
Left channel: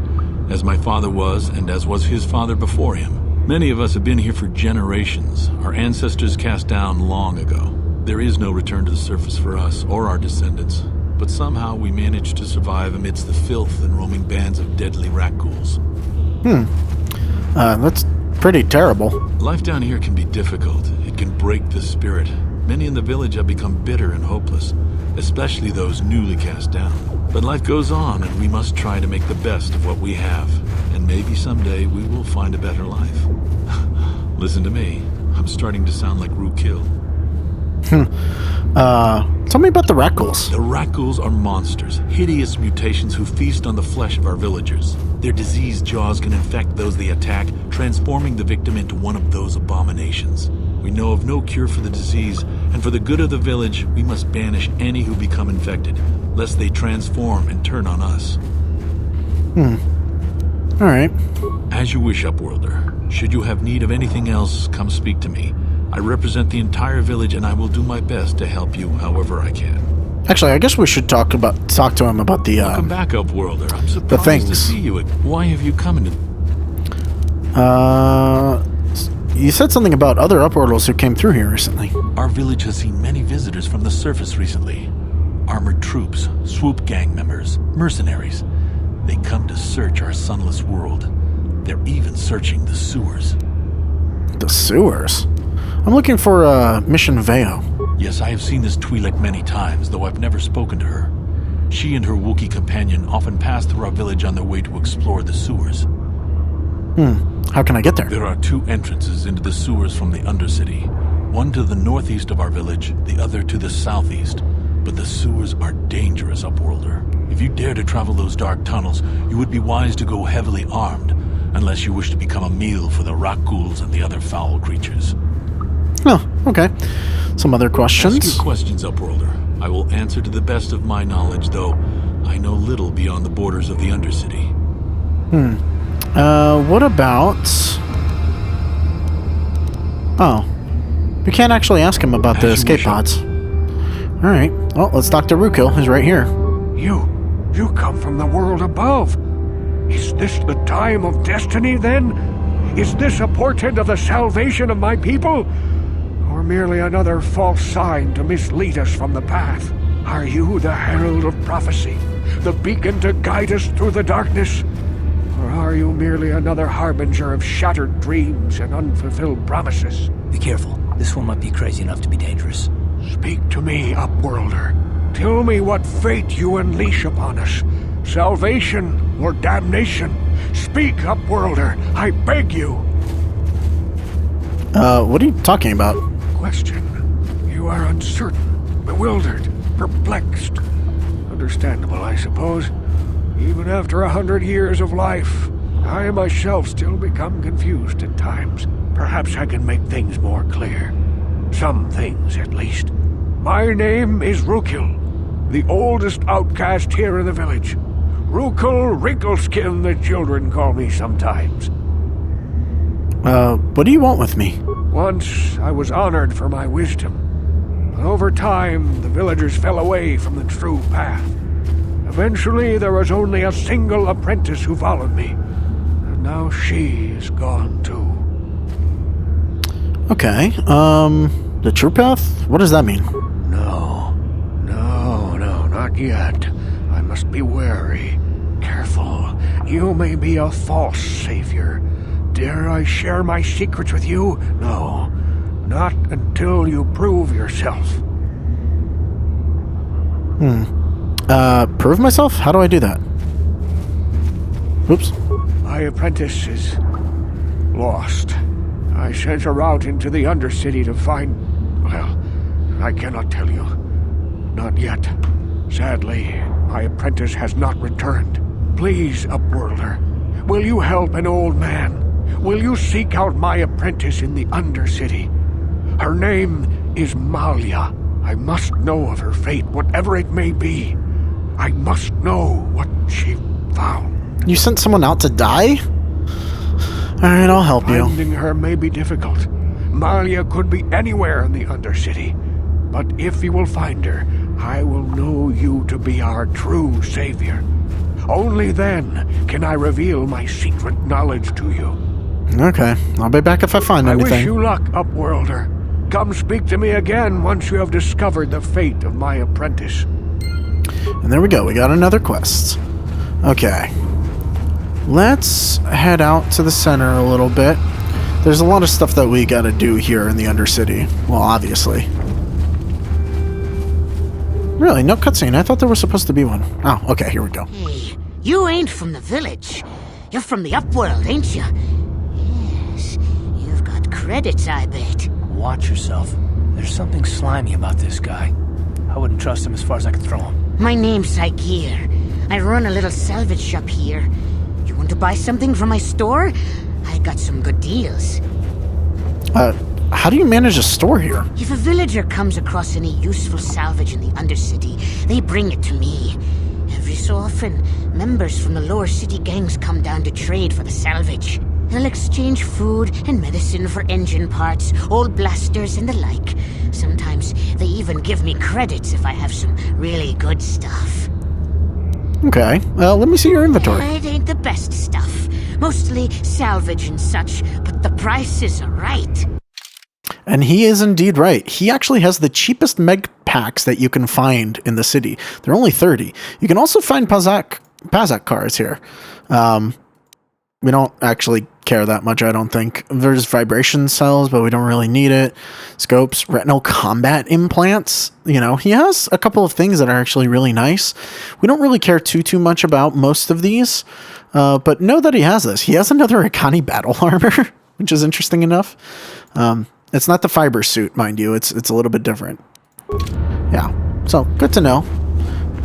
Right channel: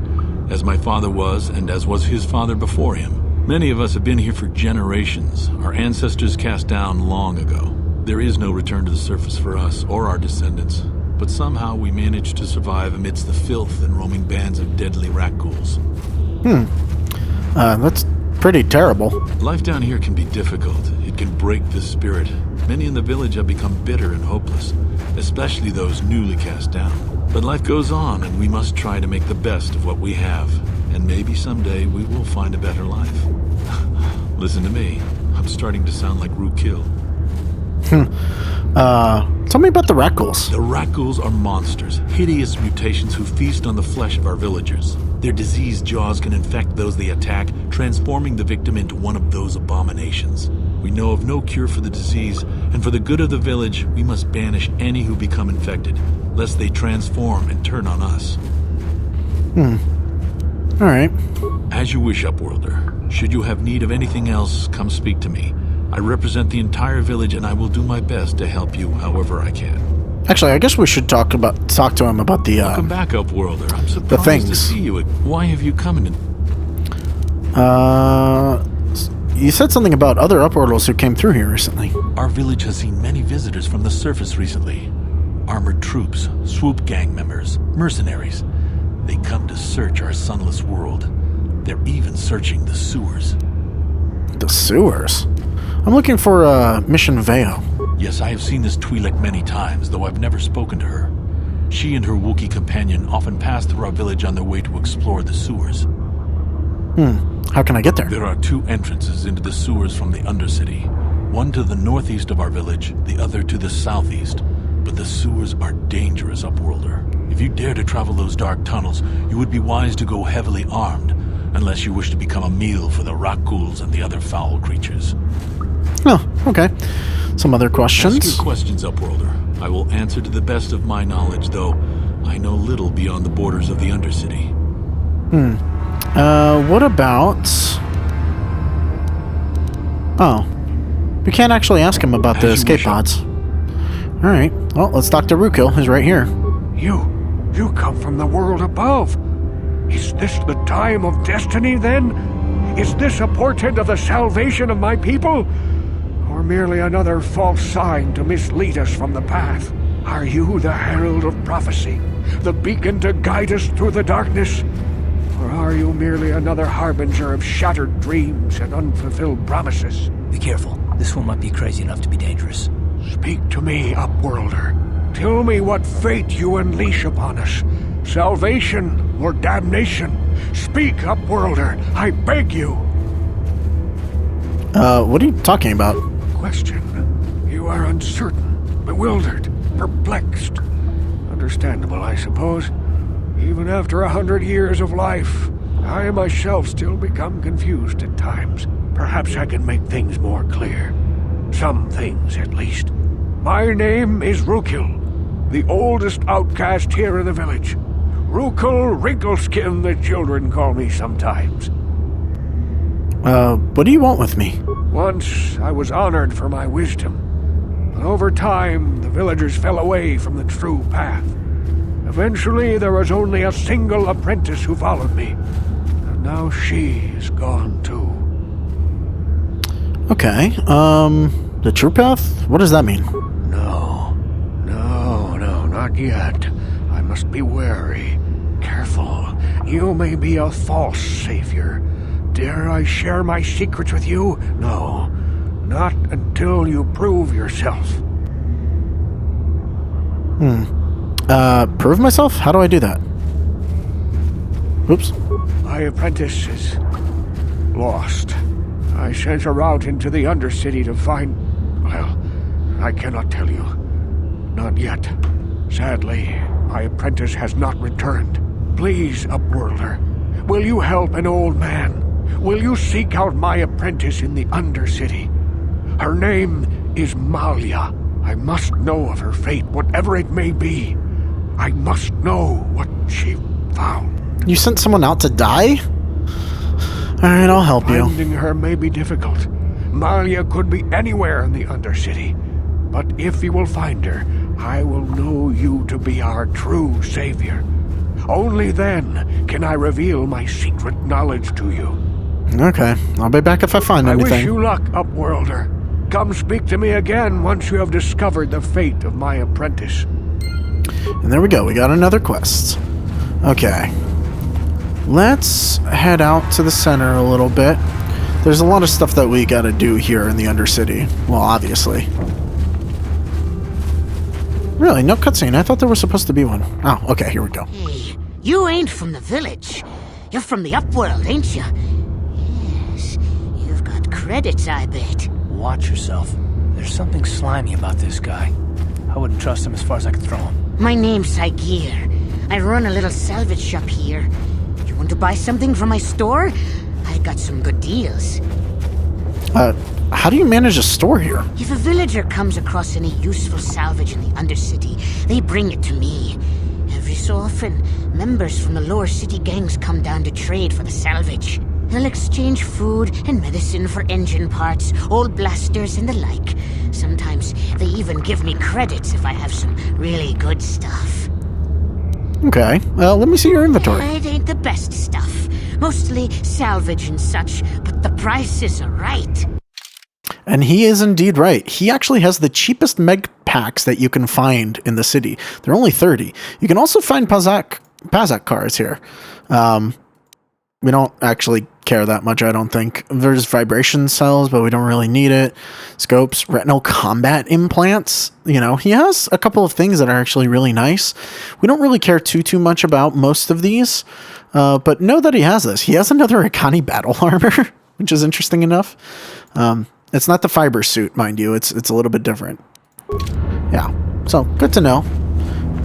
as my father was and as was his father before him. Many of us have been here for generations, our ancestors cast down long ago. There is no return to the surface for us or our descendants, but somehow we managed to survive amidst the filth and roaming bands of deadly Rukguls. That's pretty terrible. Life down here can be difficult. It can break the spirit. Many in the village have become bitter and hopeless, especially those newly cast down. But life goes on, and we must try to make the best of what we have. And maybe someday we will find a better life. Listen to me. I'm starting to sound like Rukil. Tell me about the Rukguls. The Rukguls are monsters, hideous mutations who feast on the flesh of our villagers. Their diseased jaws can infect those they attack, transforming the victim into one of those abominations. We know of no cure for the disease, and for the good of the village, we must banish any who become infected, lest they transform and turn on us. Alright. As you wish, Upworlder. Should you have need of anything else, come speak to me. I represent the entire village, and I will do my best to help you however I can. Actually, I guess we should talk to him about the Welcome back, Upworlder. I'm surprised to see you. Why have you come in? You said something about other Upworlders who came through here recently. Our village has seen many visitors from the surface recently. Armored troops, swoop gang members, mercenaries. They come to search our sunless world. They're even searching the sewers. The sewers? I'm looking for Mission Veo. Yes, I have seen this Twi'lek many times, though I've never spoken to her. She and her Wookiee companion often pass through our village on their way to explore the sewers. How can I get there? There are two entrances into the sewers from the Undercity. One to the northeast of our village, the other to the southeast. But the sewers are dangerous, Upworlder. If you dare to travel those dark tunnels, you would be wise to go heavily armed, unless you wish to become a meal for the Rukguls and the other foul creatures. Oh, okay. Some other questions? Ask your questions, Upworlder. I will answer to the best of my knowledge, though I know little beyond the borders of the Undercity. What about... Oh. We can't actually ask him about the escape pods. Alright. Well, let's talk to Rukil. He's right here. You come from the world above. Is this the time of destiny, then? Is this a portent of the salvation of my people? Or merely another false sign to mislead us from the path? Are you the herald of prophecy, the beacon to guide us through the darkness? Or are you merely another harbinger of shattered dreams and unfulfilled promises? Be careful. This one might be crazy enough to be dangerous. Speak to me, Upworlder. Tell me what fate you unleash upon us. Salvation or damnation? Speak, Upworlder, I beg you. What are you talking about? Question. You are uncertain, bewildered, perplexed. Understandable, I suppose. Even after 100 years of life, I myself still become confused at times. Perhaps I can make things more clear. Some things, at least. My name is Rukil, the oldest outcast here in the village. Rukil Wrinkleskin, the children call me sometimes. What do you want with me? Once I was honored for my wisdom, but over time the villagers fell away from the true path. Eventually there was only a single apprentice who followed me, and now she is gone too. Okay, the true path? What does that mean? No, not yet. I must be wary. Careful. You may be a false savior. Dare I share my secrets with you? No, not until you prove yourself. Prove myself? How do I do that? Oops. My apprentice is lost. I sent her out into the Undercity to find... Well, I cannot tell you. Not yet. Sadly, my apprentice has not returned. Please, Upworlder, will you help an old man? Will you seek out my apprentice in the Undercity? Her name is Malia. I must know of her fate, whatever it may be. I must know what she found. You sent someone out to die? Alright, I'll help you. Finding her may be difficult. Malia could be anywhere in the Undercity. But if you will find her, I will know you to be our true savior. Only then can I reveal my secret knowledge to you. Okay, I'll be back if I find anything. I wish you luck, Upworlder. Come speak to me again once you have discovered the fate of my apprentice. And there we go, we got another quest. Okay. Let's head out to the center a little bit. There's a lot of stuff that we gotta do here in the Undercity. Well, obviously. Really, no cutscene. I thought there was supposed to be one. Oh, okay, here we go. Hey, you ain't from the village. You're from the Upworld, ain't you? Yes, you've got credits, I bet. Watch yourself. There's something slimy about this guy. I wouldn't trust him as far as I could throw him. My name's Saigir. I run a little salvage shop here. You want to buy something from my store? I got some good deals. How do you manage a store here? If a villager comes across any useful salvage in the Undercity, they bring it to me. Every so often, members from the lower city gangs come down to trade for the salvage. They'll exchange food and medicine for engine parts, old blasters and the like. Sometimes they even give me credits if I have some really good stuff. Okay, well, let me see your inventory. It ain't the best stuff. Mostly salvage and such, but the prices are right. And he is indeed right. He actually has the cheapest meg packs that you can find in the city. They're only 30. You can also find Pazak cars here. We don't actually care that much, I don't think. There's vibration cells, but we don't really need it. Scopes, retinal combat implants. You know, he has a couple of things that are actually really nice. We don't really care too much about most of these, but know that he has this. He has another Akani battle armor, which is interesting enough. It's not the fiber suit, mind you. It's a little bit different. Yeah, so good to know.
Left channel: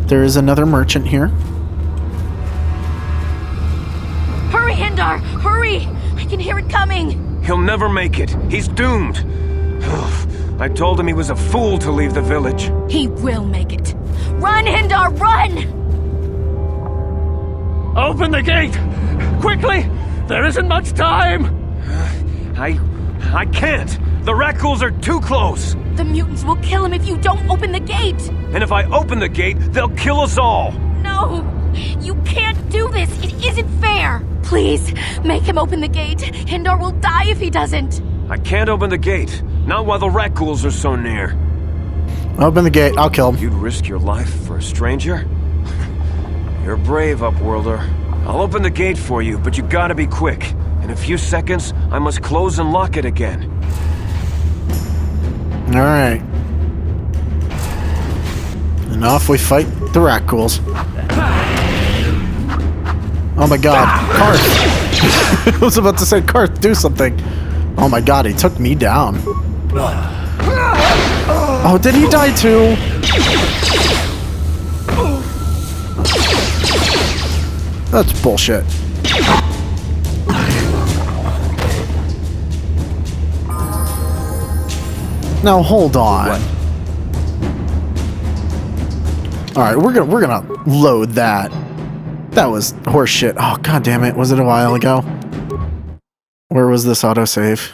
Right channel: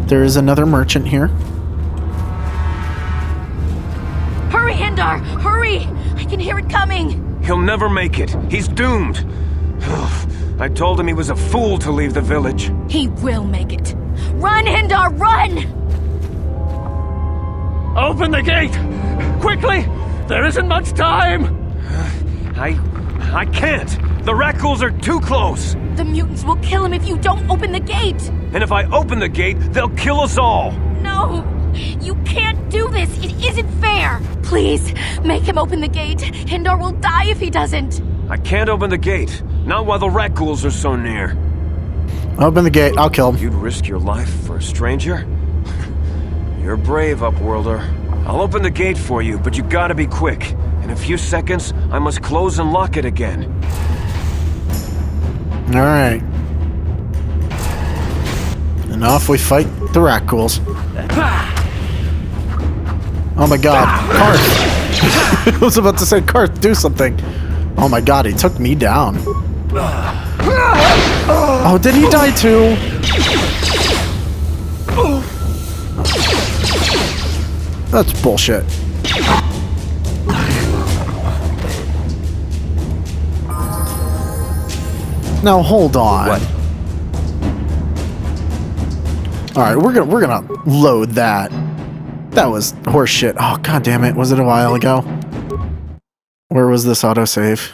There is another merchant here. Hurry, Hindar! Hurry! I can hear it coming! He'll never make it. He's doomed. I told him he was a fool to leave the village. He will make it. Run, Hindar, run! Open the gate! Quickly! There isn't much time! I can't. The Rakghouls are too close. The mutants will kill him if you don't open the gate! And if I open the gate, they'll kill us all. No! You can't do this! It isn't fair! Please, make him open the gate. Hindar will die if he doesn't. I can't open the gate. Not while the rat ghouls are so near. Open the gate. I'll kill him. You'd risk your life for a stranger? You're brave, Upworlder. I'll open the gate for you, but you gotta be quick. In a few seconds, I must close and lock it again. Alright. And off we fight the rat ghouls. Oh my god. Karth! I was about to say, Karth, do something. Oh my god, he took me down. Oh, did he die too? That's bullshit. Now hold on. All right, we're gonna load that. That was horseshit. Oh god damn it! Was it a while ago? Where was this autosave?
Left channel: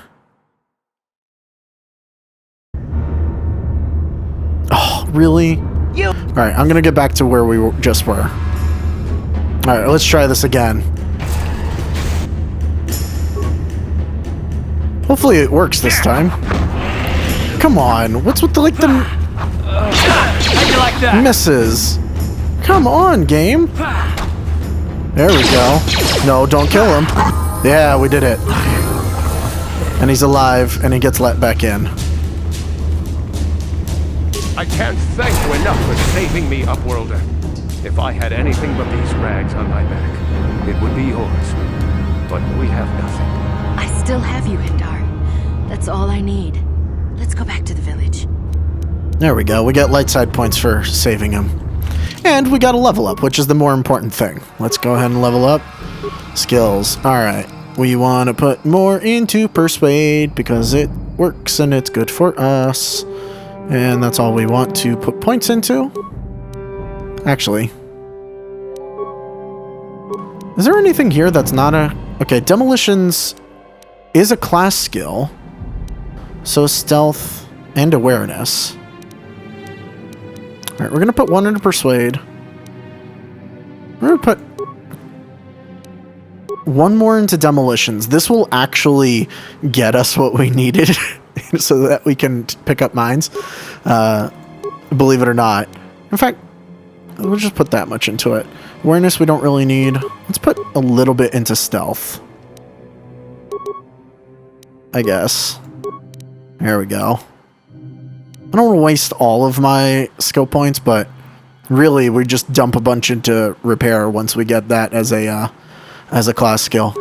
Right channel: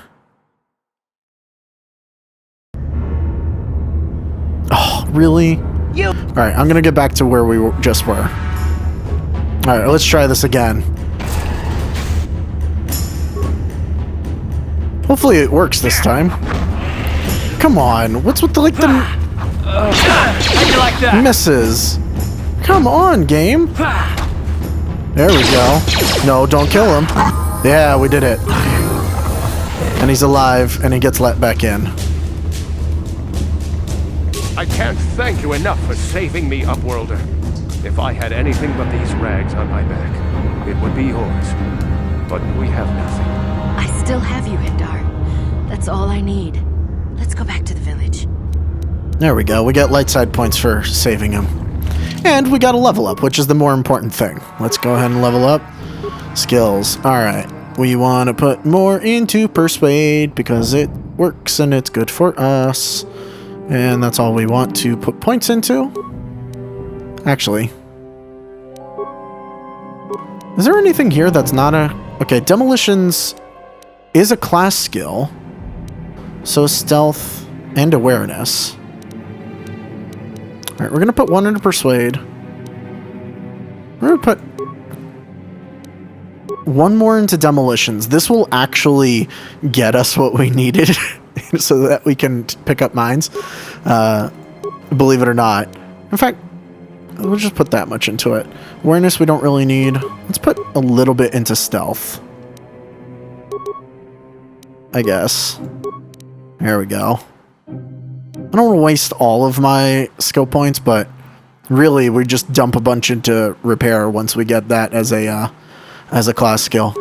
Oh really? All right, I'm gonna get back to where we just were. All right, let's try this again. Hopefully it works this time. Come on, what's with the How'd you like that? misses? Come on, game. There we go. No, don't kill him. Yeah, we did it. And he's alive, and he gets let back in. I can't thank you enough for saving me, Upworlder. If I had anything but these rags on my back, it would be yours. But we have nothing. I still have you, Hindar. That's all I need. Let's go back to the village. There we go. We got light side points for saving him. And we got a level up, which is the more important thing. Let's go ahead and level up. Skills. Alright. We want to put more into Persuade because it works and it's good for us. And that's all we want to put points into. Actually. Is there anything here that's not a... Okay, Demolitions is a class skill. So Stealth and Awareness. Alright, we're going to put one into Persuade. We're going to put one more into Demolitions. This will actually get us what we needed so that we can pick up mines. Believe it or not. In fact, we'll just put that much into it. Awareness we don't really need. Let's put a little bit into Stealth. I guess. There we go. I don't want to waste all of my skill points, but really we just dump a bunch into Repair once we get that as a class skill.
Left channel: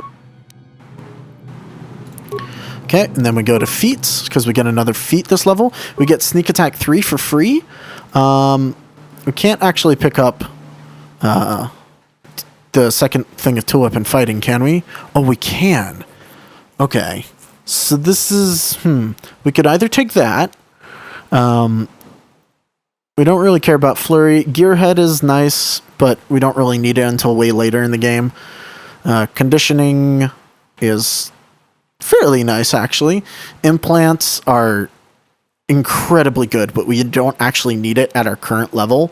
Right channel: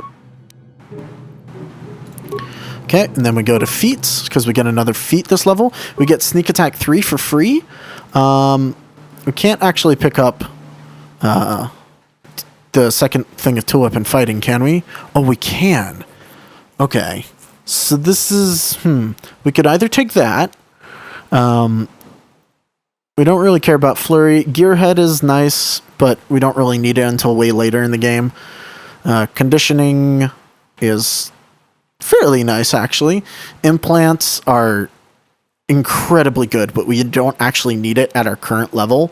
Okay, and then we go to feats, because we get another feat this level. We get Sneak Attack 3 for free. We can't actually pick up the second thing of Tulip and Fighting, can we? Oh, we can. Okay. So this is... We could either take that. We don't really care about Flurry. Gearhead is nice, but we don't really need it until way later in the game. Conditioning is fairly nice, actually. Implants are incredibly good, but we don't actually need it at our current level.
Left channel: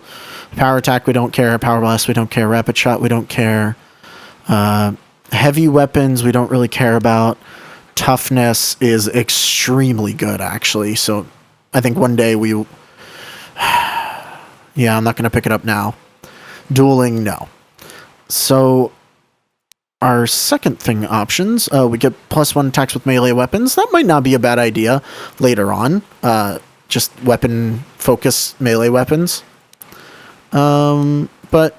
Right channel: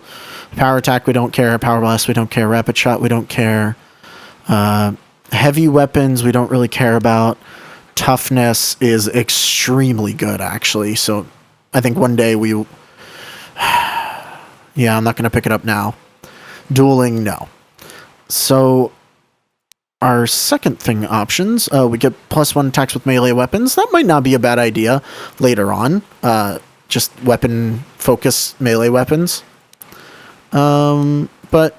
Power Attack, we don't care. Power Blast, we don't care. Rapid Shot, we don't care. Heavy Weapons, we don't really care about. Toughness is extremely good, actually. So I think one day we... Yeah, I'm not going to pick it up now. Dueling, no. So our second thing options, we get +1 attacks with melee weapons. That might not be a bad idea later on. Just weapon focus melee weapons. But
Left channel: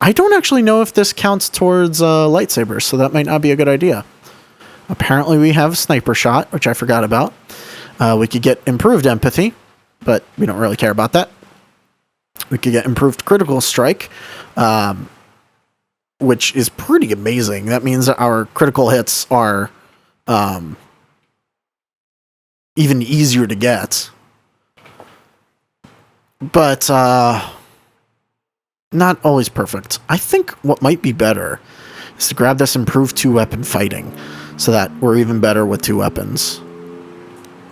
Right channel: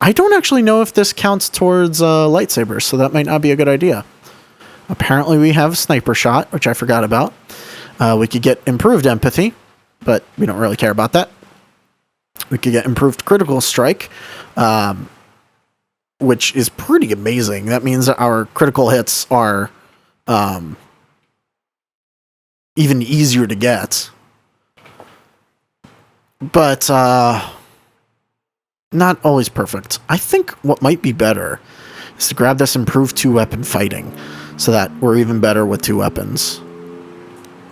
I don't actually know if this counts towards lightsabers, so that might not be a good idea. Apparently we have Sniper Shot, which I forgot about. We could get Improved Empathy, but we don't really care about that. We could get Improved Critical Strike, which is pretty amazing. That means that our critical hits are even easier to get. But not always perfect. I think what might be better is to grab this Improved 2-weapon fighting so that we're even better with 2 weapons.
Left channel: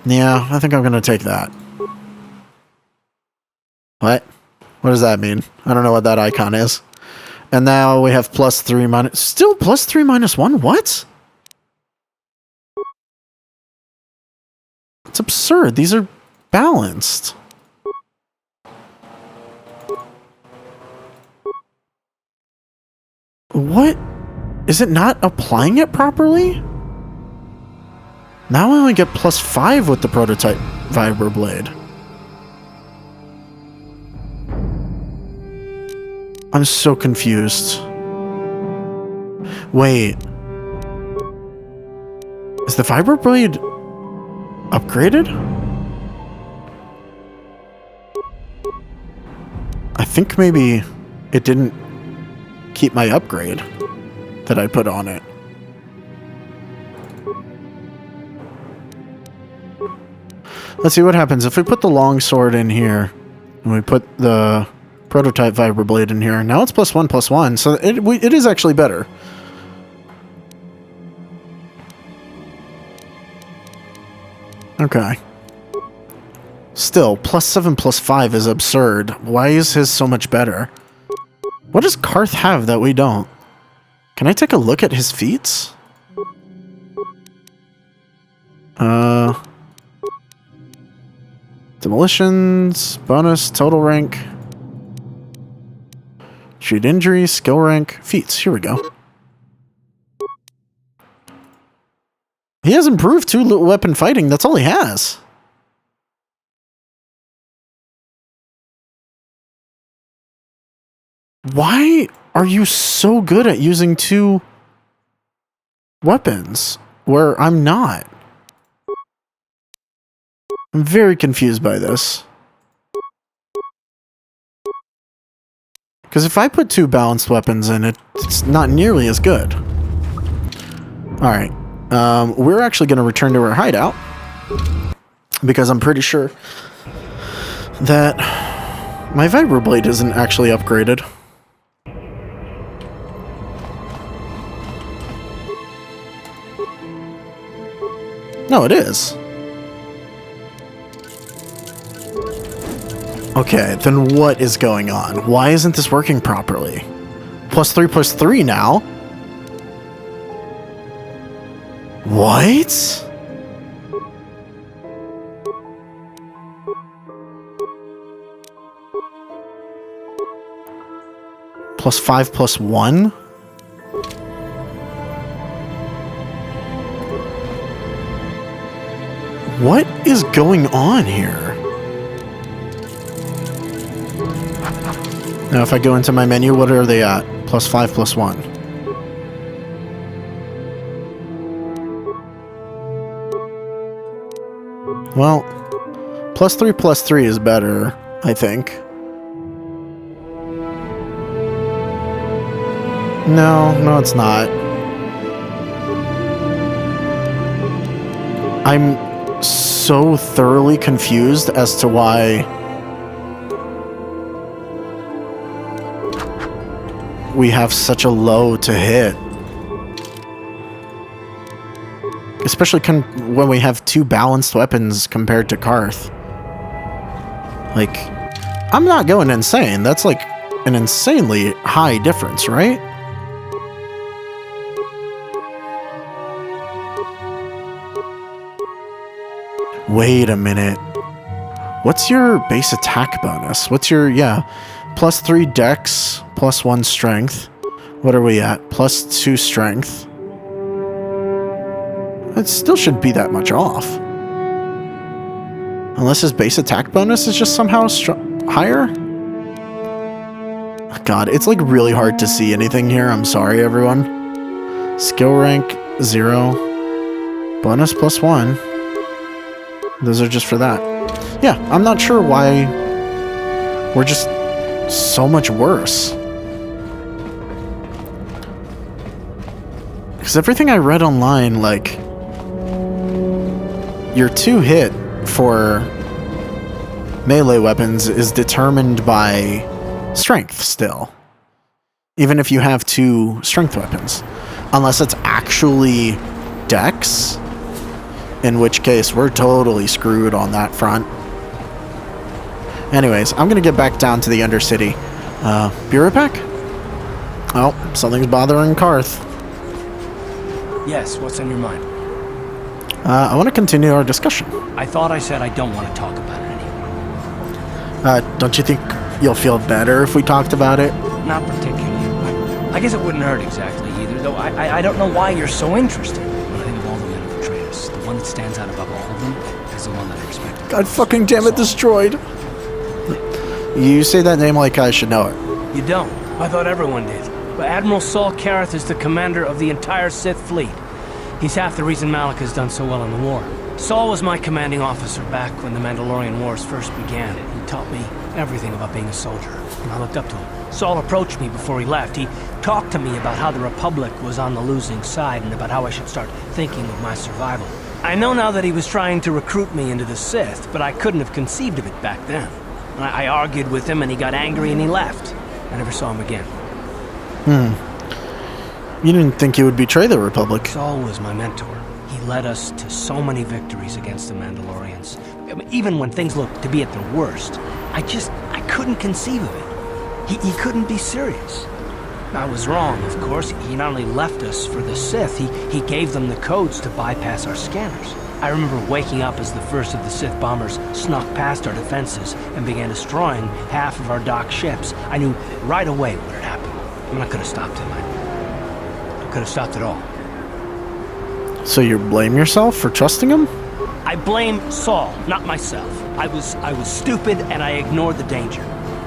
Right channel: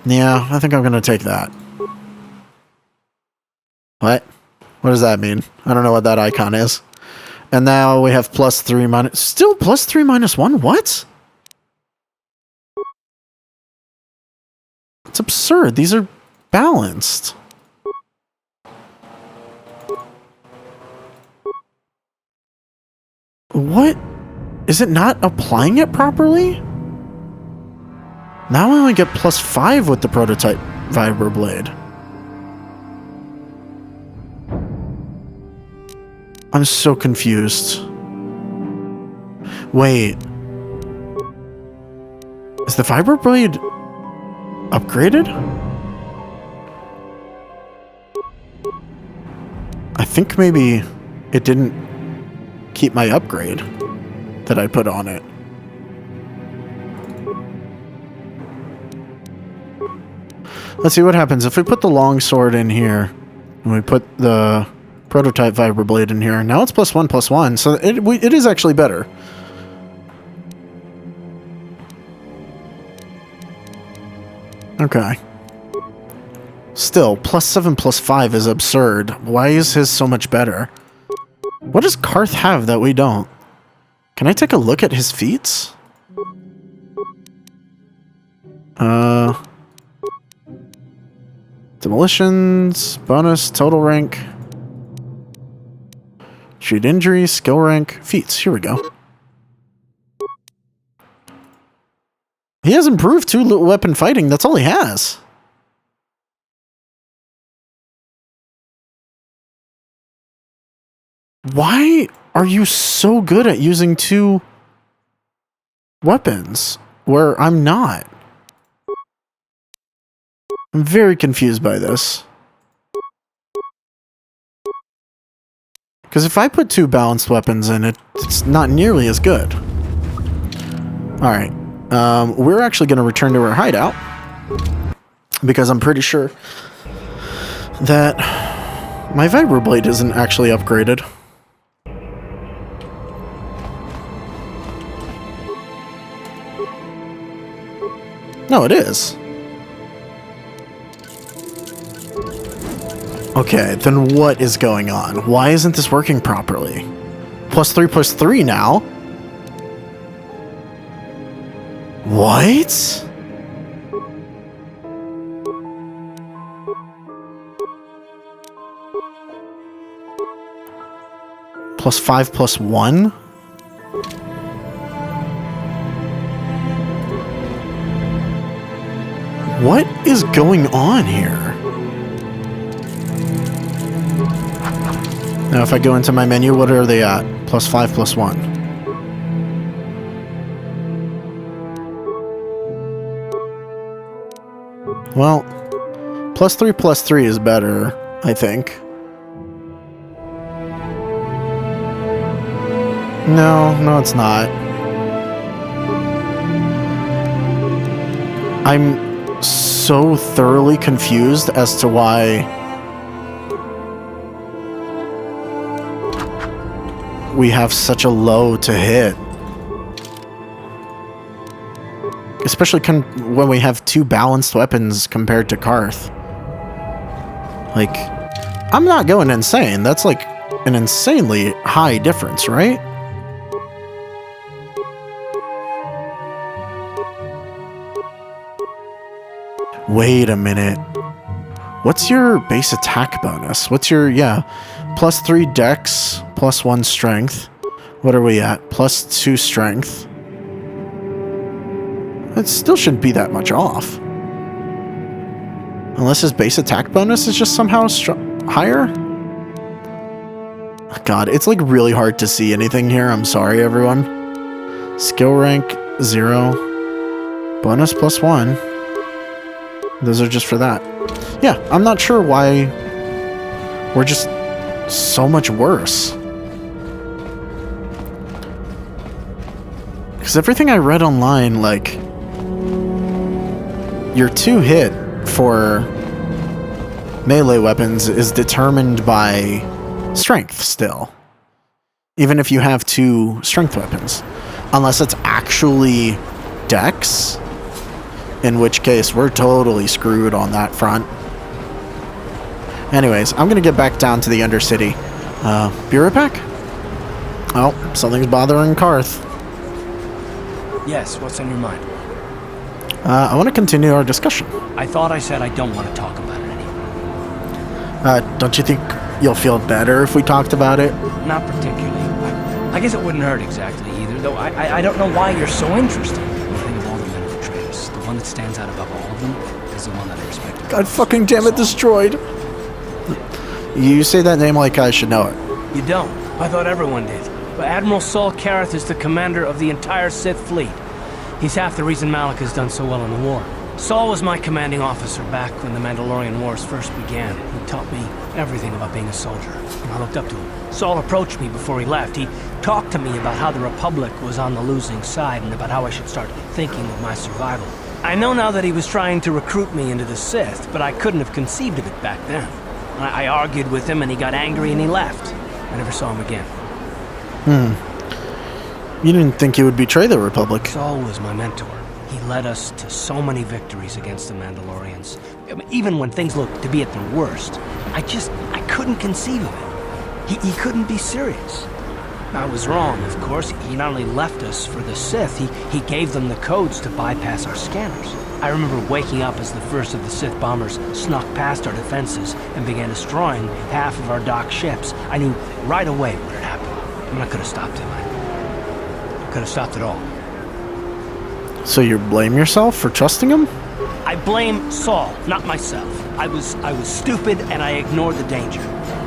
Yeah, I think I'm going to take that. What? What does that mean? I don't know what that icon is. And now we have +3 minus... Still +3 minus 1? What? It's absurd. These are balanced. What? Is it not applying it properly? Now I only get +5 with the prototype vibroblade. I'm so confused. Wait. Is the vibroblade upgraded? I think maybe it didn't keep my upgrade that I put on it. Let's see what happens if we put the longsword in here and we put the prototype vibroblade in here. Now it's +1/+1, so it is actually better. Okay. Still, +7/+5 is absurd. Why is his so much better? What does Karth have that we don't? Can I take a look at his feats? Demolitions, bonus, total rank. Treat injury, skill rank, feats. Here we go. He has improved 2 weapon fighting. That's all he has. Why are you so good at using 2 weapons where I'm not? I'm very confused by this. Because if I put 2 balanced weapons in it, it's not nearly as good. Alright. We're actually going to return to our hideout. Because I'm pretty sure that my vibroblade isn't actually upgraded. No, it is. Okay, then what is going on? Why isn't this working properly? +3/+3 now? What? +5/+1? What is going on here? Now if I go into my menu, what are they at? +5/+1. Well, +3/+3 is better, I think. No, it's not. I'm so thoroughly confused as to why we have such a low to hit. Especially when we have 2 balanced weapons compared to Karth. Like, I'm not going insane. That's like an insanely high difference, right? Wait a minute. What's your base attack bonus? What's your, +3 dex, +1 strength. What are we at? +2 strength. It still shouldn't be that much off. Unless his base attack bonus is just somehow higher? God, it's like really hard to see anything here. I'm sorry, everyone. Skill rank, 0. Bonus +1. Those are just for that. Yeah, I'm not sure why we're just so much worse. Because everything I read online, like, your 2 hit for melee weapons is determined by strength still. Even if you have 2 strength weapons. Unless it's actually dex, in which case we're totally screwed on that front. Anyways, I'm gonna get back down to the Undercity. Be right back. Oh, something's bothering Karth. Yes, what's on your mind? I want to continue our discussion. I thought I said I don't want to talk about it anymore. Don't you think you'll feel better if we talked about it? Not particularly. I guess it wouldn't hurt exactly either, though I don't know why you're so interested. When I think of all the men who betrayed us, the one that stands out above all of them is the one that I respect. God fucking damn it, Destroyed. You say that name like I should know it. You don't. I thought everyone did. But Admiral Saul Kareth is the commander of the entire Sith fleet. He's half the reason Malak has done so well in the war. Saul was my commanding officer back when the Mandalorian Wars first began. He taught me everything about being a soldier, and I looked up to him. Saul approached me before he left. He talked to me about how the Republic was on the losing side and about how I should start thinking of my survival. I know now that he was trying to recruit me into the Sith, but I couldn't have conceived of it back then. I argued with him and he got angry and he left. I never saw him again. You didn't think he would betray the Republic? Saul was my mentor. He led us to so many victories against the Mandalorians. I mean, even when things looked to be at their worst, I couldn't conceive of it. He couldn't be serious. I was wrong, of course. He not only left us for the Sith, he gave them the codes to bypass our scanners. I remember waking up as the first of the Sith bombers snuck past our defenses and began destroying half of our docked ships. I knew right away what had happened. I mean, I could have stopped him. I could have stopped it all. So you blame yourself for trusting him? I blame Saul, not myself. I was stupid and I ignored the danger.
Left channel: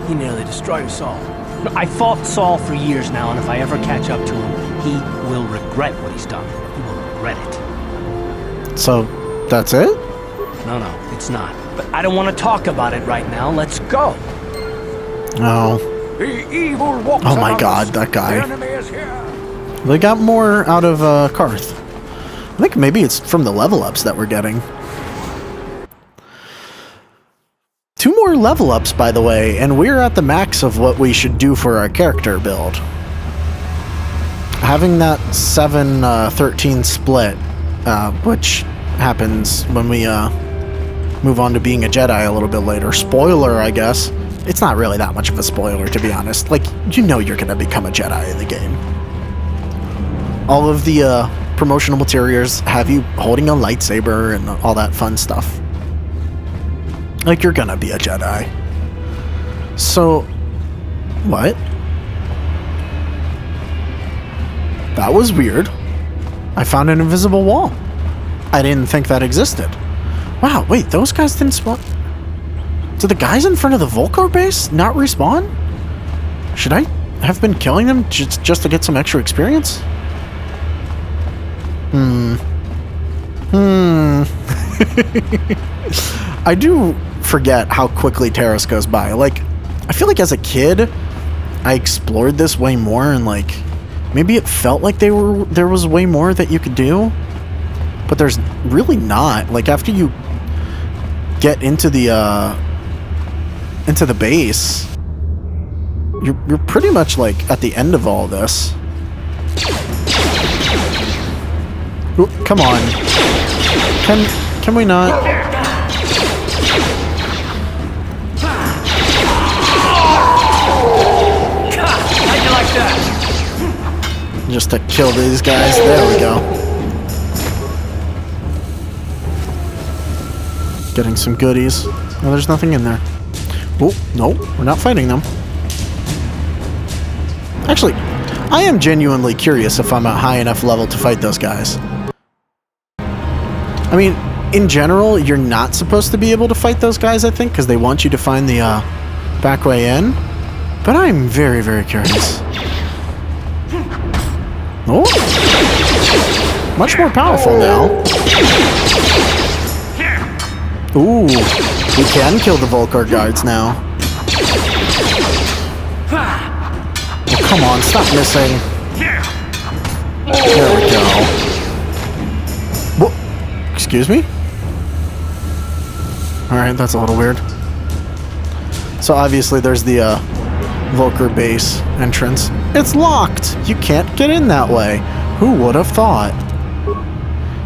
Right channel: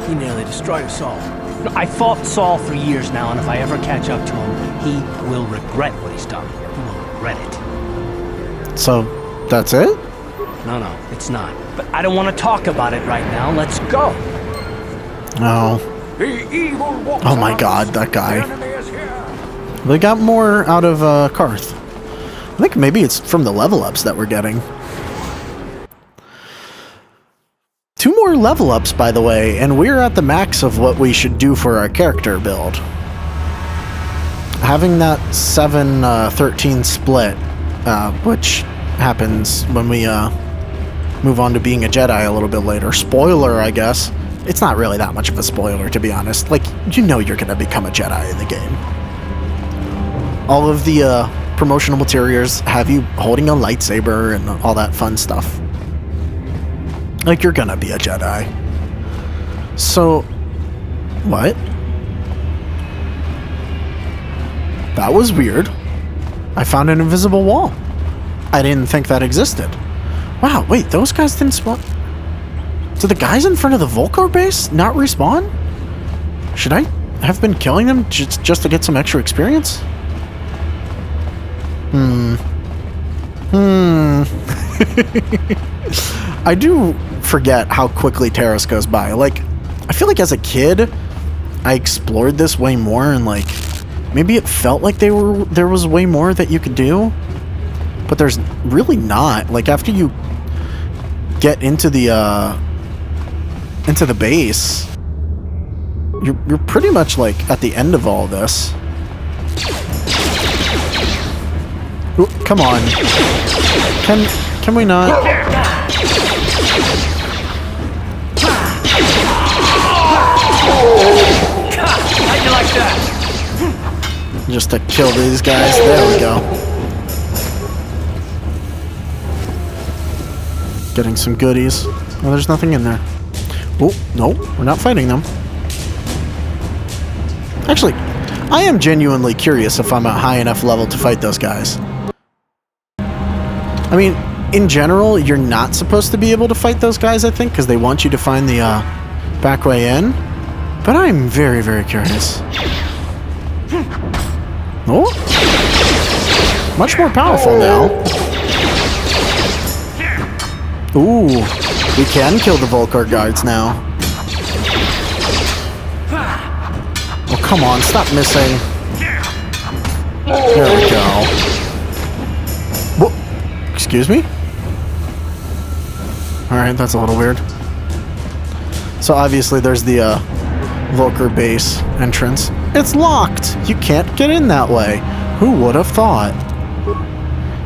He nearly destroyed us all. No, I fought Saul for years now, and if I ever catch up to him, he will regret what he's done. He will regret it. So, that's it? No, it's not. But I don't want to talk about it right now. Let's go. Oh. Oh my god, that guy. They got more out of Karth. I think maybe it's from the level ups that we're getting. 2 more level ups, by the way, and we're at the max of what we should do for our character build. Having that 7-13 split, which happens when we move on to being a Jedi a little bit later. Spoiler, I guess. It's not really that much of a spoiler, to be honest. Like, you know you're going to become a Jedi in the game. All of the promotional materials have you holding a lightsaber and all that fun stuff. Like, you're gonna be a Jedi. So, what? That was weird. I found an invisible wall. I didn't think that existed. Wow, wait, those guys didn't spawn? Did the guys in front of the Volcar base not respawn? Should I have been killing them just to get some extra experience? I do forget how quickly Terrace goes by. Like, I feel like as a kid, I explored this way more, and like, maybe it felt like there was way more that you could do, but there's really not. Like, after you get into the base, you're pretty much like at the end of all this. Ooh, come on. Can we not? How'd you like that? Just to kill these guys. There we go. Getting some goodies. Oh, there's nothing in there. Oh, no, we're not fighting them. Actually, I am genuinely curious if I'm at high enough level to fight those guys. I mean, in general, you're not supposed to be able to fight those guys, I think, because they want you to find the back way in. But I'm very, very curious. Oh! Much more powerful now. Ooh, we can kill the Volcar guards now. Oh, come on, stop missing. There we go. Whoa. Excuse me? Alright, that's a little weird. So obviously there's the Volcar base entrance. It's locked! You can't get in that way. Who would have thought?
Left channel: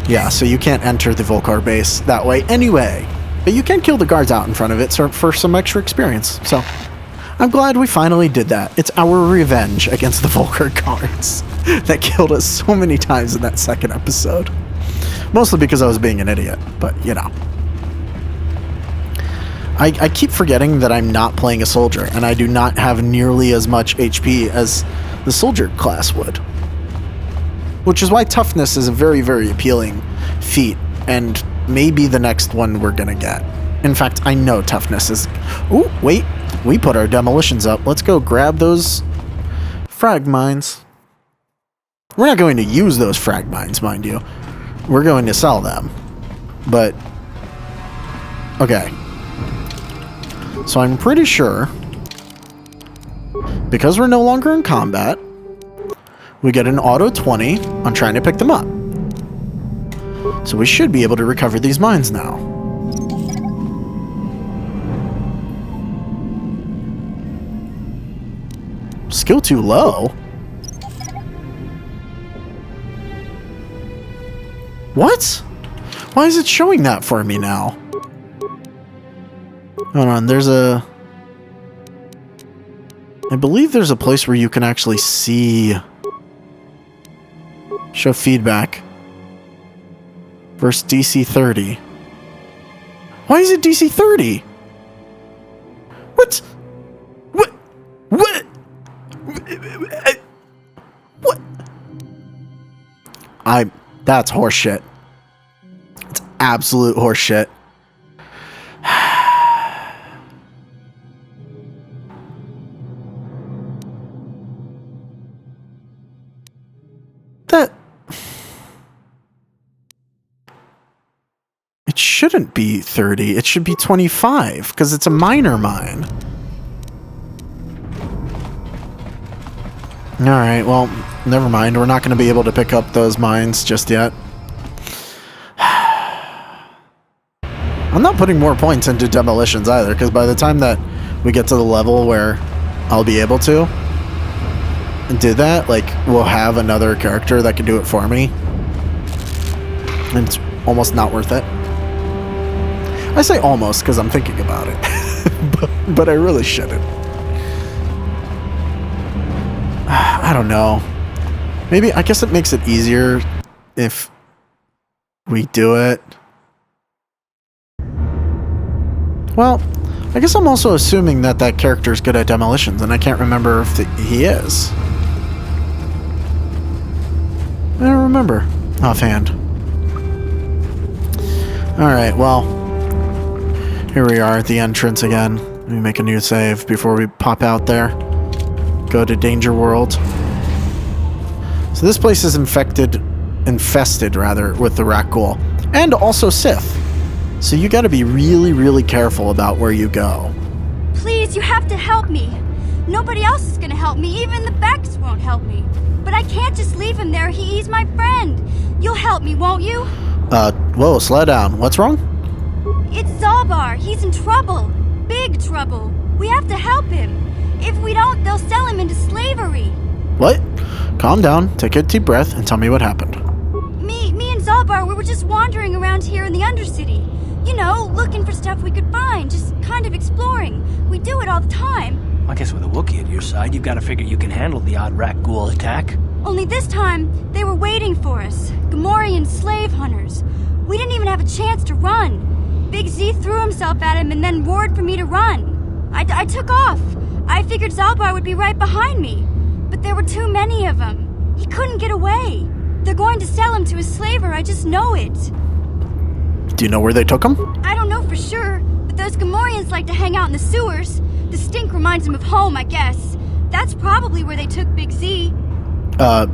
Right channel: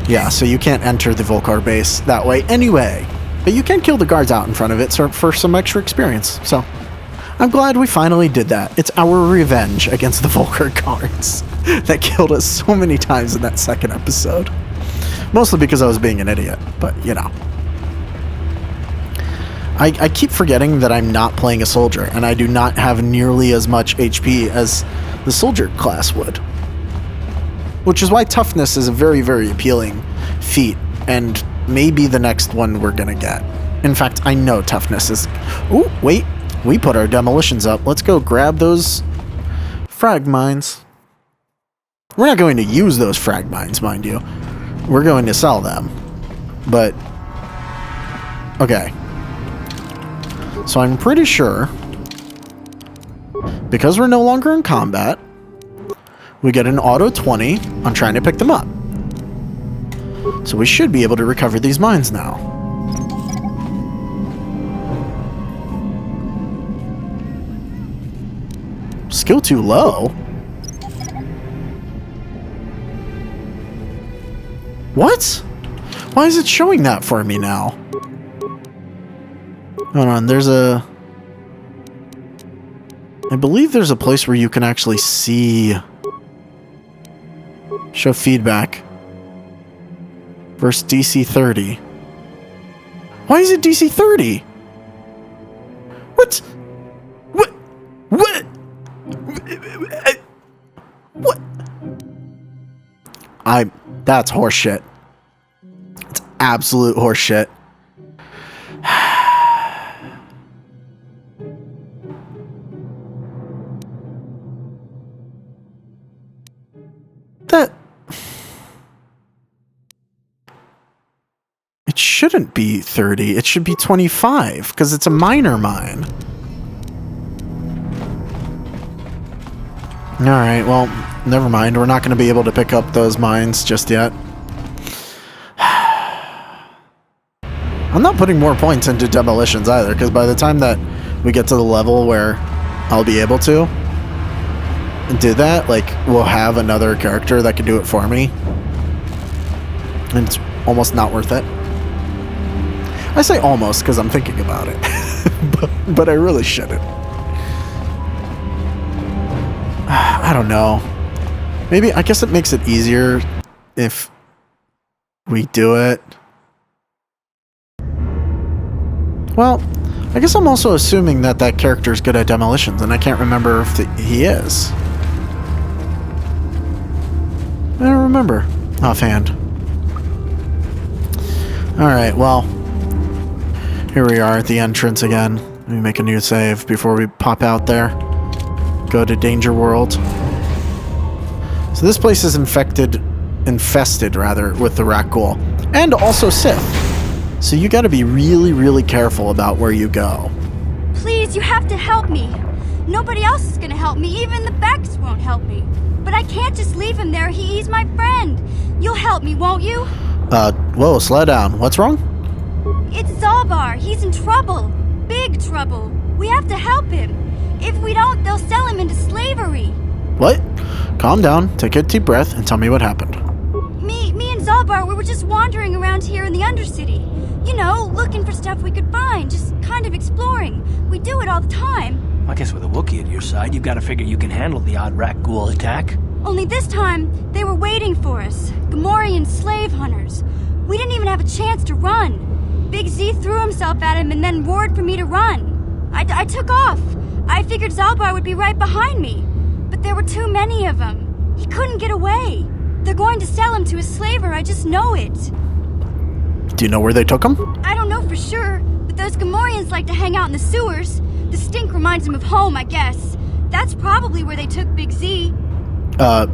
Yeah, so you can't enter the Volcar base that way anyway. But you can kill the guards out in front of it for some extra experience. So, I'm glad we finally did that. It's our revenge against the Volker guards that killed us so many times in that second episode. Mostly because I was being an idiot, but you know. I keep forgetting that I'm not playing a soldier, and I do not have nearly as much HP as the soldier class would. Which is why toughness is a very, very appealing feat, and maybe the next one we're gonna get. In fact, I know toughness is... Ooh, wait. We put our demolitions up. Let's go grab those frag mines. We're not going to use those frag mines, mind you. We're going to sell them. But... okay. So I'm pretty sure, because we're no longer in combat, we get an auto 20 on trying to pick them up. So we should be able to recover these mines now. Skill too low? What? Why is it showing that for me now? Hold on, there's a... I believe there's a place where you can actually see... show feedback. Versus DC 30. Why is it DC 30? What? What? What? What? That's horseshit. It's absolute horseshit. That... it shouldn't be 30. It should be 25, because it's a minor mine. Alright, well, never mind. We're not going to be able to pick up those mines just yet. I'm not putting more points into demolitions either, because by the time that we get to the level where I'll be able to do that, like, we'll have another character that can do it for me. And it's almost not worth it. I say almost because I'm thinking about it. but I really shouldn't. I don't know. Maybe, I guess it makes it easier if we do it. Well, I guess I'm also assuming that that character is good at demolitions, and I can't remember if he is. I don't remember offhand. Alright, well, here we are at the entrance again. Let me make a new save before we pop out there. Go to Danger World. So this place is infested with the Rakghoul. And also Sith. So you gotta be really, really careful about where you go. Please, you have to help me. Nobody else is gonna help me. Even the Becks won't help me. But I can't just leave him there. He's my friend. You'll help me, won't you? Whoa, slow down. What's wrong? It's Zalbar. He's in trouble. Big trouble. We have to help him. If we don't, they'll sell him into slavery. What? Calm down, take a deep breath, and tell me what happened. Me and Zalbar, we were just wandering around here in the Undercity. You know, looking for stuff we could find, just kind of exploring. We do it all the time. I guess with a Wookiee at your side, you've got to figure you can handle the odd Rakghoul attack. Only this time, they were waiting for us. Gamorrean slave hunters. We didn't even have a chance to run. Big Z threw himself at him and then roared for me to run. I took off. I figured Zalbar would be right behind me. But there were too many of them. He couldn't get away. They're going to sell him to a slaver, I just know it. Do you know where they took him? I don't know for sure, but those Gamorreans like to hang out in the sewers. The stink reminds them of home, I guess. That's probably where they took Big Z. Alright.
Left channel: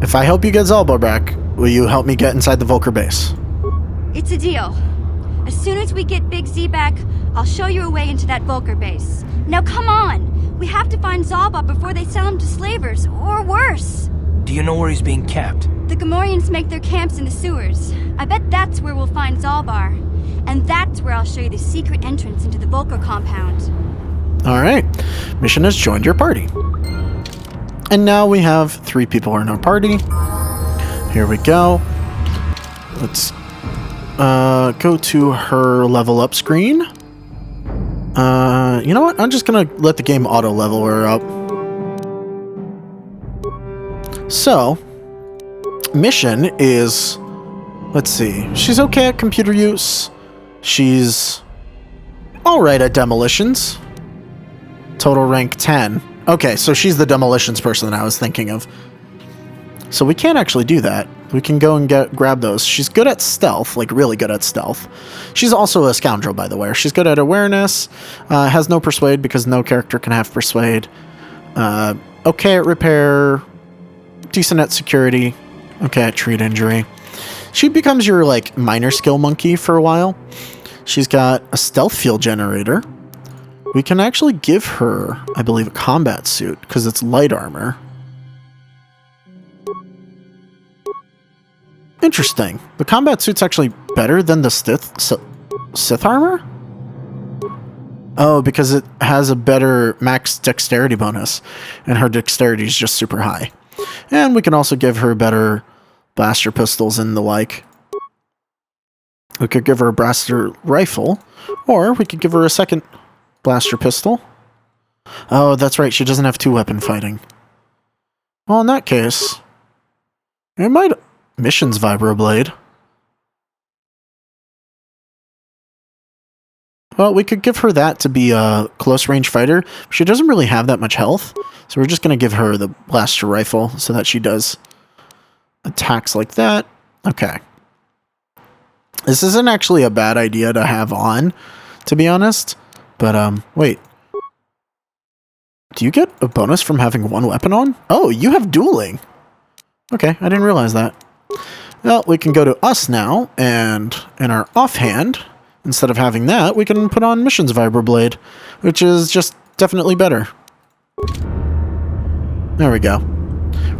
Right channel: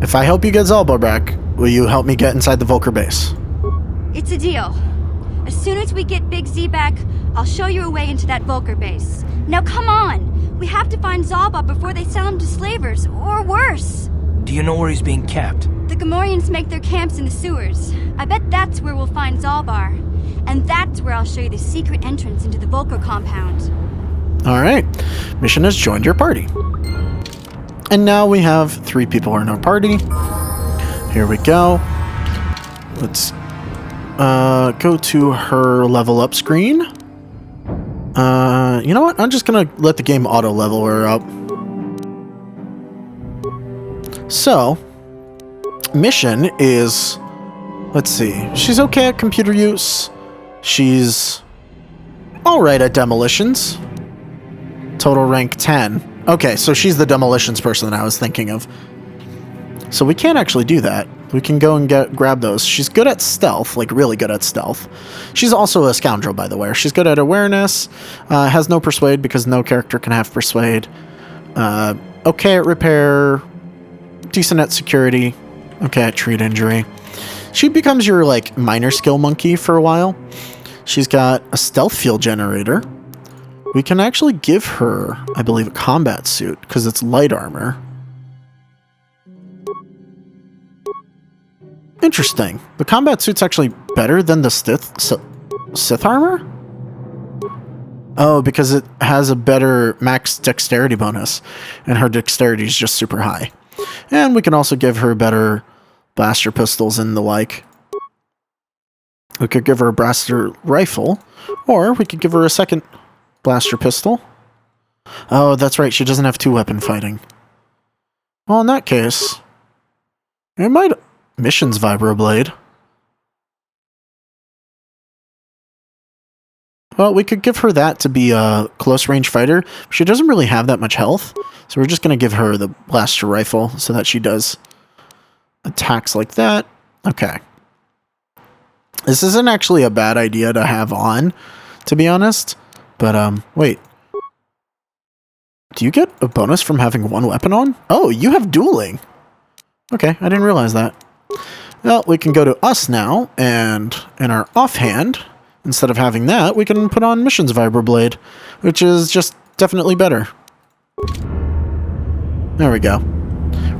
If I help you get Zalbar back, will you help me get inside the Volker base? It's a deal. As soon as we get Big Z back, I'll show you a way into that Volker base. Now come on! We have to find Zalbar before they sell him to slavers, or worse. Do you know where he's being kept? The Gamorreans make their camps in the sewers. I bet that's where we'll find Zalbar. And that's where I'll show you the secret entrance into the Volker compound. Alright. Mission has joined your party. And now we have 3 people in our party. Here we go. Let's go to her level up screen. You know what? I'm just gonna let the game auto level her up. So, mission is... Let's see. She's okay at computer use. She's alright at demolitions. Total rank 10. Okay, so she's the demolitions person that I was thinking of. So we can't actually do that. We can go and grab those. She's good at stealth, like really good at stealth. She's also a scoundrel, by the way. She's good at awareness. Has no persuade because no character can have persuade. Okay at repair. Decent at security. Okay at treat injury. She becomes your, like, minor skill monkey for a while. She's got a stealth field generator. We can actually give her, I believe, a combat suit, because it's light armor. Interesting. The combat suit's actually better than the Sith armor? Oh, because it has a better max dexterity bonus, and her dexterity is just super high. And we can also give her better blaster pistols and the like. We could give her a blaster rifle, or we could give her a second blaster pistol. Oh, that's right, she doesn't have two-weapon fighting. Well, in that case, it might... Mission's vibroblade. Well, we could give her that to be a close-range fighter. She doesn't really have that much health, so we're just going to give her the blaster rifle so that she does attacks like that. Okay. This isn't actually a bad idea to have on, to be honest. But, wait. Do you get a bonus from having one weapon on? Oh, you have dueling. Okay, I didn't realize that. Well, we can go to us now, and in our offhand, instead of having that, we can put on Mission's Vibroblade, which is just definitely better. There we go.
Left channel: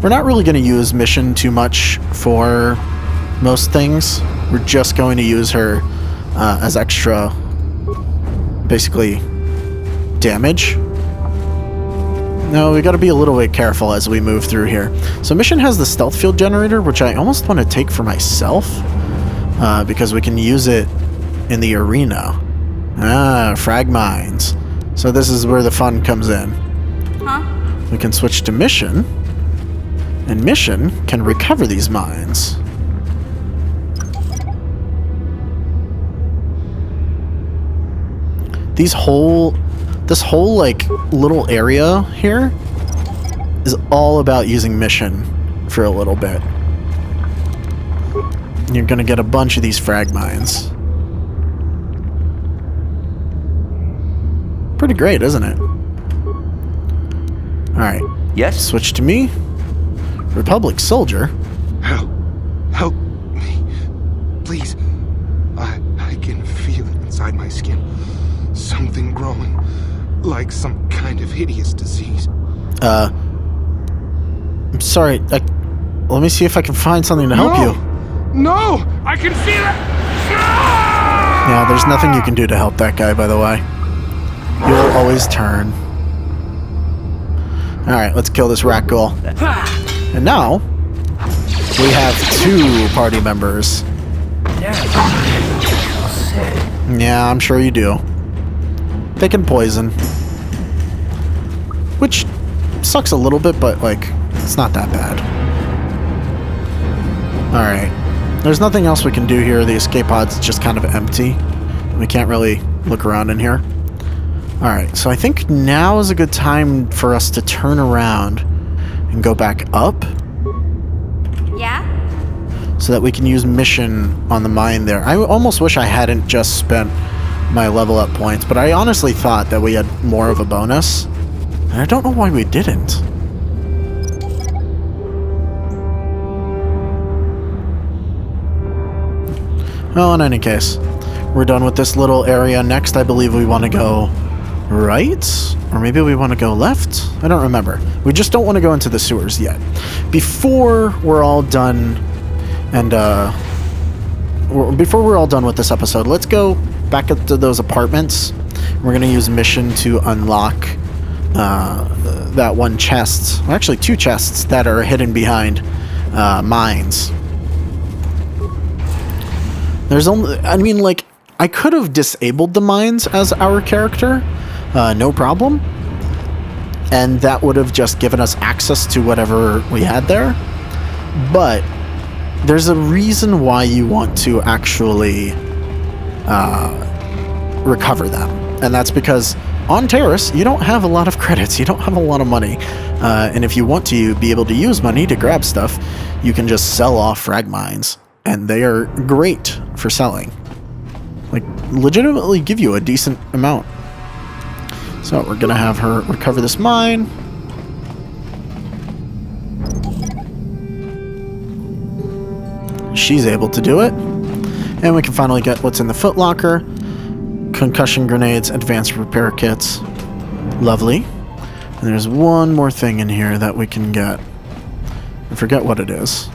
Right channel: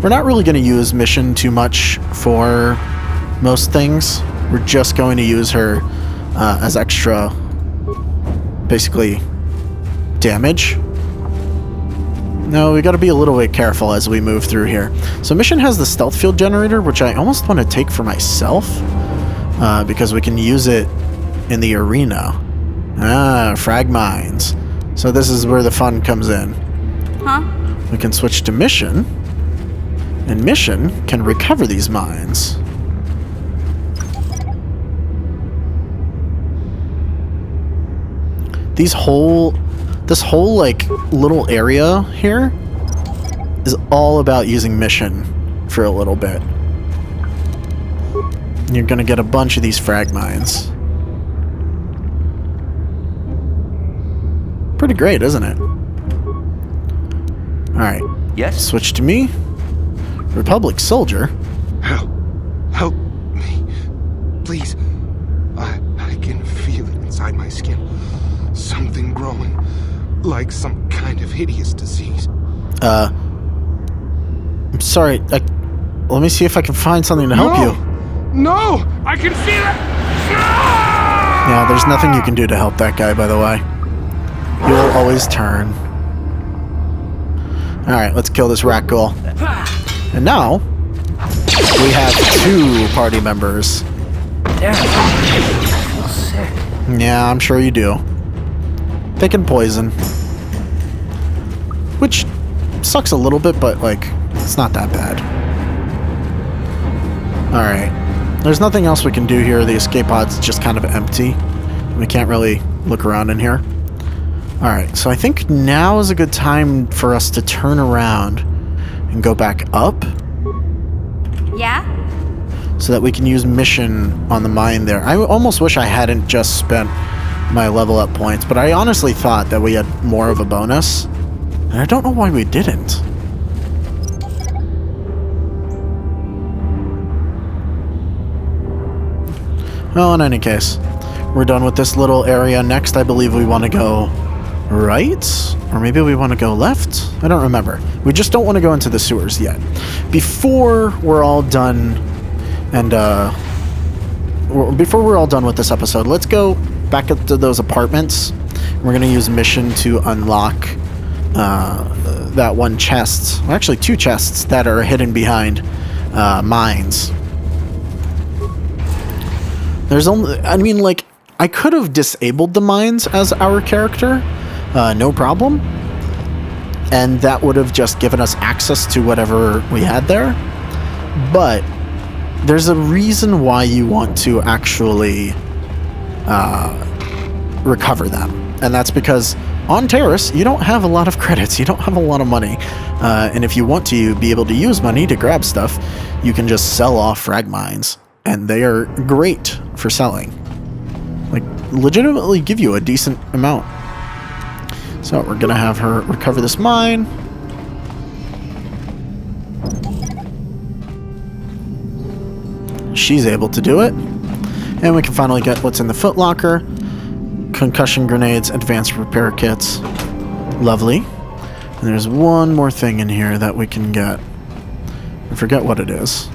We're not really going to use Mission too much for most things. We're just going to use her as extra, basically, damage. No, we got to be a little bit careful as we move through here. So Mission has the stealth field generator, which I almost want to take for myself, because we can use it in the arena. Ah, frag mines. So this is where the fun comes in. Huh? We can switch to Mission, and Mission can recover these mines. This whole like little area here is all about using Mission for a little bit. And you're gonna get a bunch of these frag mines. Pretty great, isn't it? Alright. Yes? Switch to me. Republic soldier. Help me. Please. I can feel it inside my skin. Something growing. Like some kind of hideous disease. I'm sorry. Let me see if I can find something to help you. No! I can feel it! Yeah, there's nothing you can do to help that guy, by the way. He will always turn. Alright, let's kill this rat ghoul. And now, we have 2 party members. Yeah, I'm sure you do. They can poison. Which sucks a little bit, but, like, it's not that bad. Alright. There's nothing else we can do here. The escape pod's just kind of empty. We can't really look around in here. Alright, so I think now is a good time for us to turn around and go back up. Yeah? So that we can use Mission on the mine there. I almost wish I hadn't just spent my level up points, but I honestly thought that we had more of a bonus. And I don't know why we didn't. Well, in any case, we're done with this little area. Next, I believe we want to go right? Or maybe we want to go left? I don't remember. We just don't want to go into the sewers yet. Before we're all done, and before we're all done with this episode, let's go back up to those apartments. We're going to use Mission to unlock that one chest. Well, actually, 2 chests that are hidden behind mines. There's only... I mean, like, I could have disabled the mines as our character, no problem. And that would have just given us access to whatever we had there. But there's a reason why you want to actually recover them. And that's because on Terrace, you don't have a lot of credits. You don't have a lot of money. And if you want to be able to use money to grab stuff, you can just sell off frag mines. And they are great for selling. Like, legitimately give you a decent amount. So we're going to have her recover this mine. She's able to do it. And we can finally get what's in the footlocker. Concussion grenades, advanced repair kits. Lovely. And there's one more thing in here that we can get. I forget what it is.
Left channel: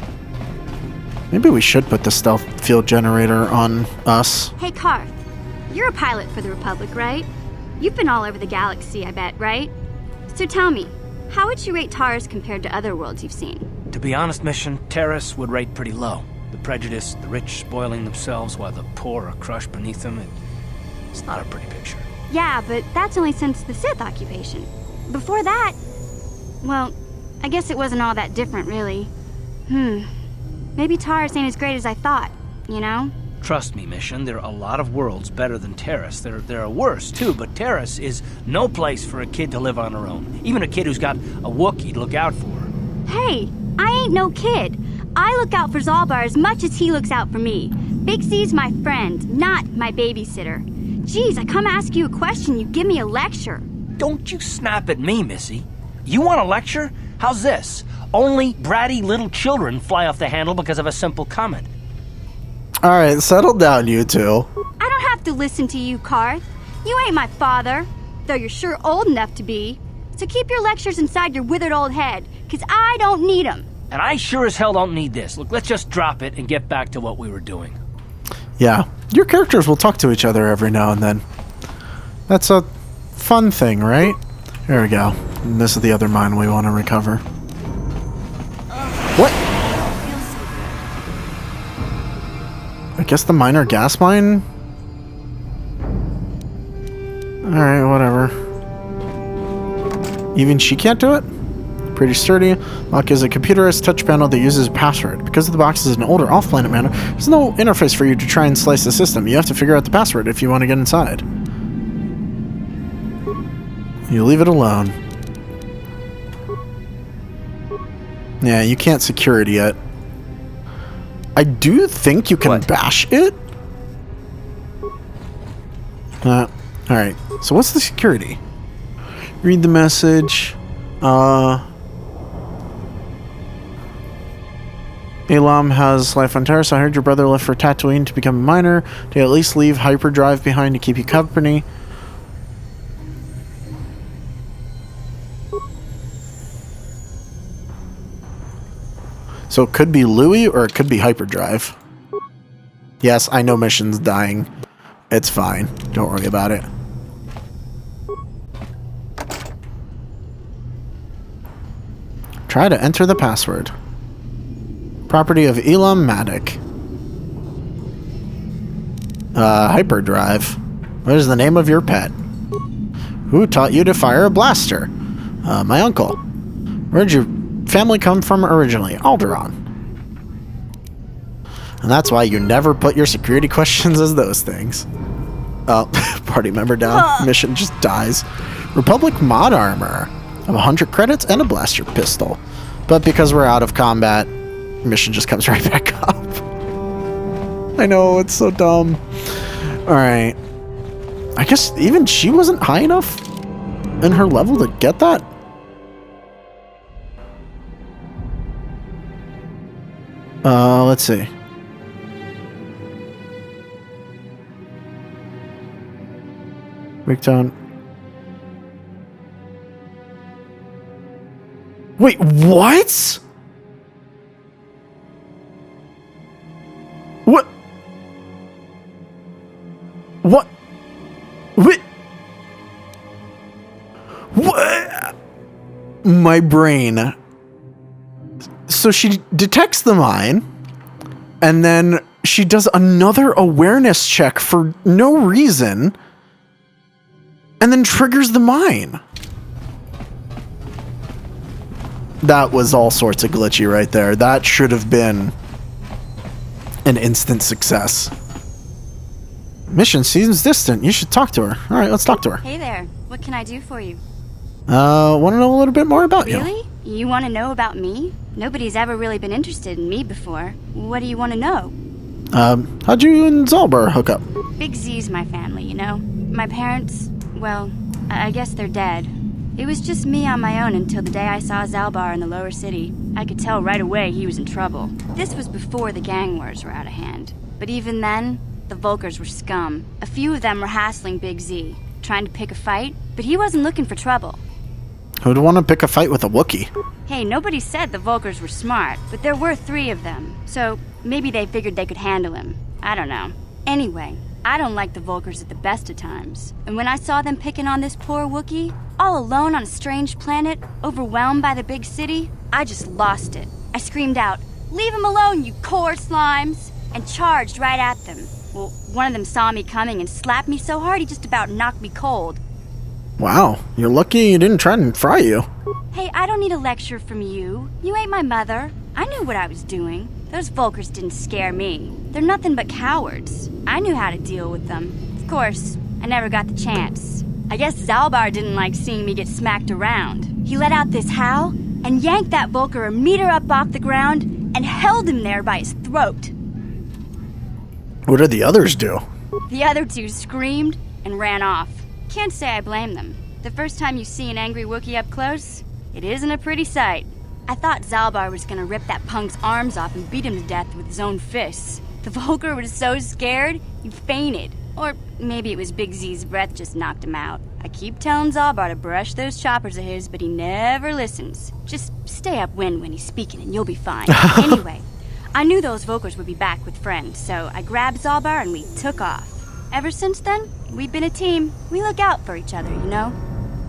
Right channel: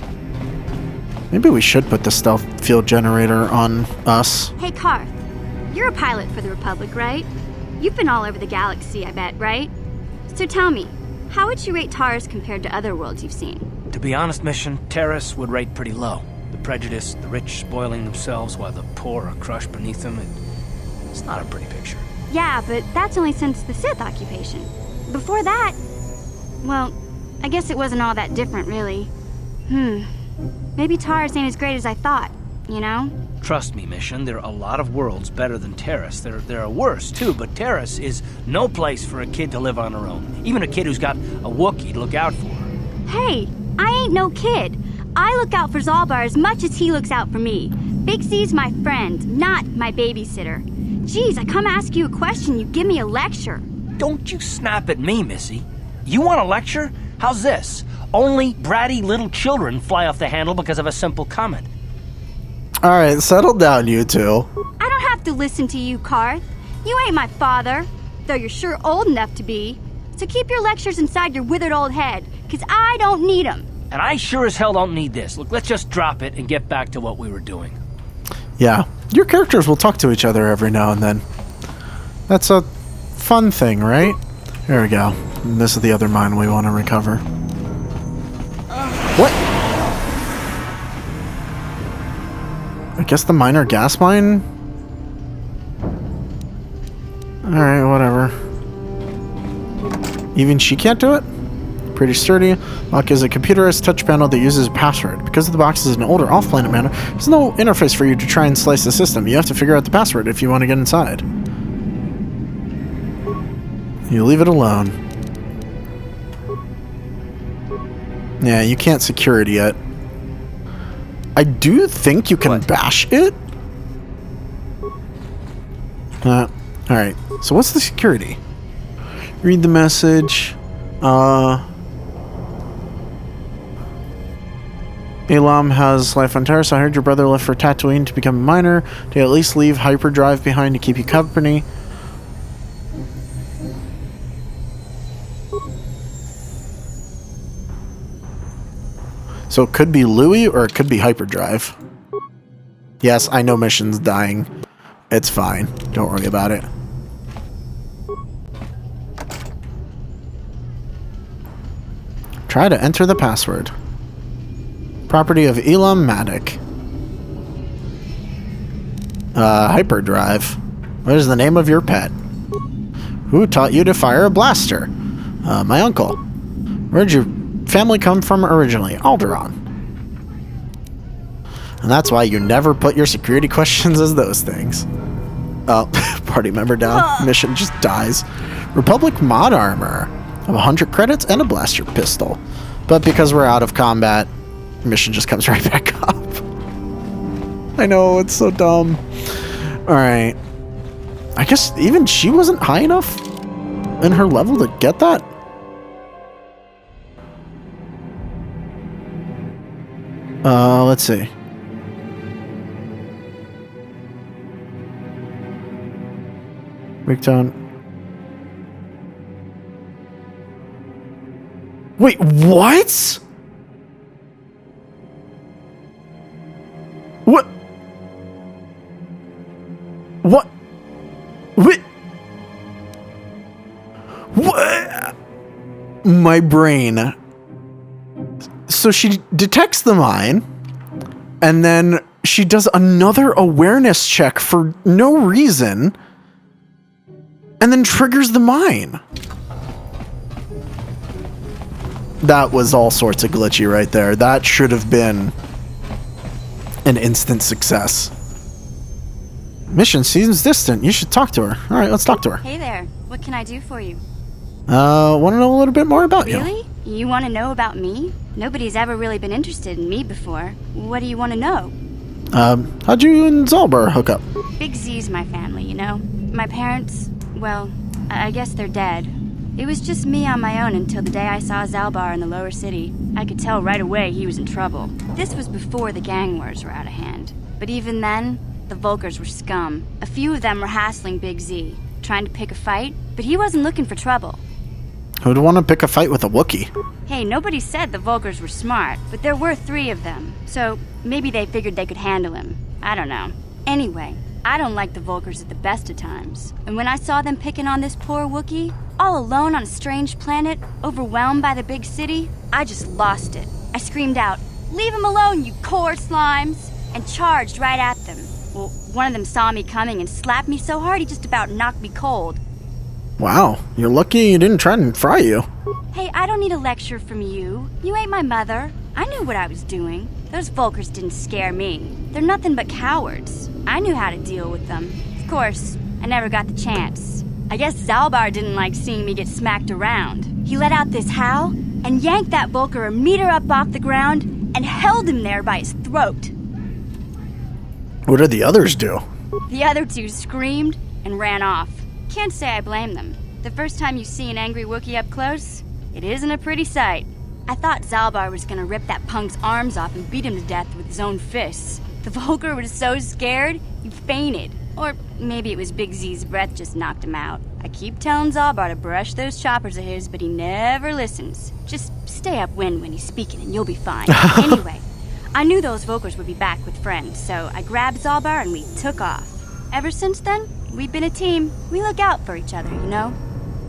Maybe we should put the stealth field generator on us. Hey, Karth. You're a pilot for the Republic, right? You've been all over the galaxy, I bet, right? So tell me, how would you rate Taurus compared to other worlds you've seen? To be honest, Mission, Terrace would rate pretty low. The prejudice, the rich spoiling themselves while the poor are crushed beneath them, it's not a pretty picture. Yeah, but that's only since the Sith occupation. Before that, well, I guess it wasn't all that different, really. Maybe Taurus ain't as great as I thought, you know? Trust me, Mission, there are a lot of worlds better than Terrace. There are worse, too, but Terrace is no place for a kid to live on her own. Even a kid who's got a Wookiee to look out for. Hey, I ain't no kid. I look out for Zalbar as much as he looks out for me. Big C's my friend, not my babysitter. Geez, I come ask you a question, you give me a lecture. Don't you snap at me, Missy. You want a lecture? How's this? Only bratty little children fly off the handle because of a simple comment. Alright, settle down, you two. I don't have to listen to you, Karth. You ain't my father, though you're sure old enough to be. So keep your lectures inside your withered old head, because I don't need them. And I sure as hell don't need this. Look, let's just drop it and get back to what we were doing. Yeah, your characters will talk to each other every now and then. That's a fun thing, right? Here we go. And this is the other mine we want to recover. What? I guess the minor gas mine? Alright, whatever. Even she can't do it? Pretty sturdy. Lock is a computerized touch panel that uses a password. Because the box is an older off-planet manner, there's no interface for you to try and slice the system. You have to figure out the password if you want to get inside. You leave it alone. Yeah, you can't secure it yet. I do think you can bash it. Alright, so what's the security? Read the message. Elam has life on Terrace. I heard your brother left for Tatooine to become a miner. To at least leave hyperdrive behind to keep you company. So it could be Louis or it could be hyperdrive. Yes, I know Mission's dying. It's fine. Don't worry about it. Try to enter the password. Property of Elam Matic. Hyperdrive. What is the name of your pet? Who taught you to fire a blaster? My uncle. Where'd your family come from originally? Alderaan. And that's why you never put your security questions as those things. Oh, party member down. Mission just dies. Republic mod armor. Of 100 credits and a blaster pistol. But because we're out of combat, mission just comes right back up. I know, it's so dumb. Alright. I guess even she wasn't high enough in her level to get that? Let's see. Breakdown. Wait, what? What? What? Wait. What? My brain. So she detects the mine, and then she does another awareness check for no reason and then triggers the mine. That was all sorts of glitchy right there. That should have been an instant success. Mission seems distant. You should talk to her. All right, let's talk to her. Hey there. What can I do for you? Want to know a little bit more about you. Really? You want to know about me? Nobody's ever really been interested in me before. What do you want to know? How'd you and Zalbar hook up? Big Z's my family, you know? My parents, well, I guess they're dead. It was just me on my own until the day I saw Zalbar in the lower city. I could tell right away he was in trouble. This was before the gang wars were out of hand. But even then, the Volkers were scum. A few of them were hassling Big Z, trying to pick a fight, but he wasn't looking for trouble. Who'd want to pick a fight with a Wookiee? Hey, nobody said the Volkers were smart, but there were 3 of them, so maybe they figured they could handle him. I don't know. Anyway, I don't like the Volkers at the best of times, and when I saw them picking on this poor Wookiee, all alone on a strange planet, overwhelmed by the big city, I just lost it. I screamed out, "Leave him alone, you core slimes!" and charged right at them. Well, one of them saw me coming and slapped me so hard he just about knocked me cold. Wow, you're lucky he didn't try and fry you. Hey, I don't need a lecture from you. You ain't my mother. I knew what I was doing. Those Volkers didn't scare me. They're nothing but cowards. I knew how to deal with them. Of course, I never got the chance. I guess Zalbar didn't like seeing me get smacked around. He let out this howl and yanked that Volker a meter up off the ground and held him there by his throat. What did the others do? The other 2 screamed and ran off. Can't say I blame them. The first time you see an angry Wookiee up close, it isn't a pretty sight. I thought Zalbar was gonna rip that punk's arms off and beat him to death with his own fists. The Volker was so scared, he fainted. Or maybe it was Big Z's breath just knocked him out. I keep telling Zalbar to brush those choppers of his, but he never listens. Just stay upwind when he's speaking and you'll be fine. Anyway, I knew those Volkers would be back with friends, so I grabbed Zalbar and we took off. Ever since then, we've been a team. We look out for each other, you know?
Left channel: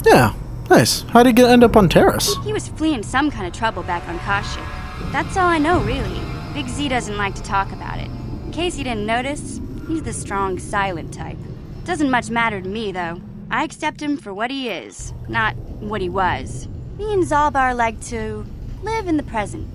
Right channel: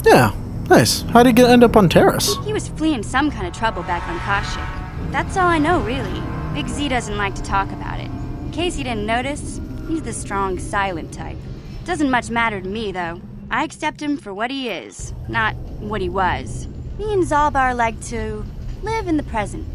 Yeah, nice. How'd he end up on Terrace? He was fleeing some kind of trouble back on Kashyyyk. That's all I know, really. Big Z doesn't like to talk about it. In case you didn't notice, he's the strong, silent type. Doesn't much matter to me, though. I accept him for what he is, not what he was. Me and Zalbar like to live in the present.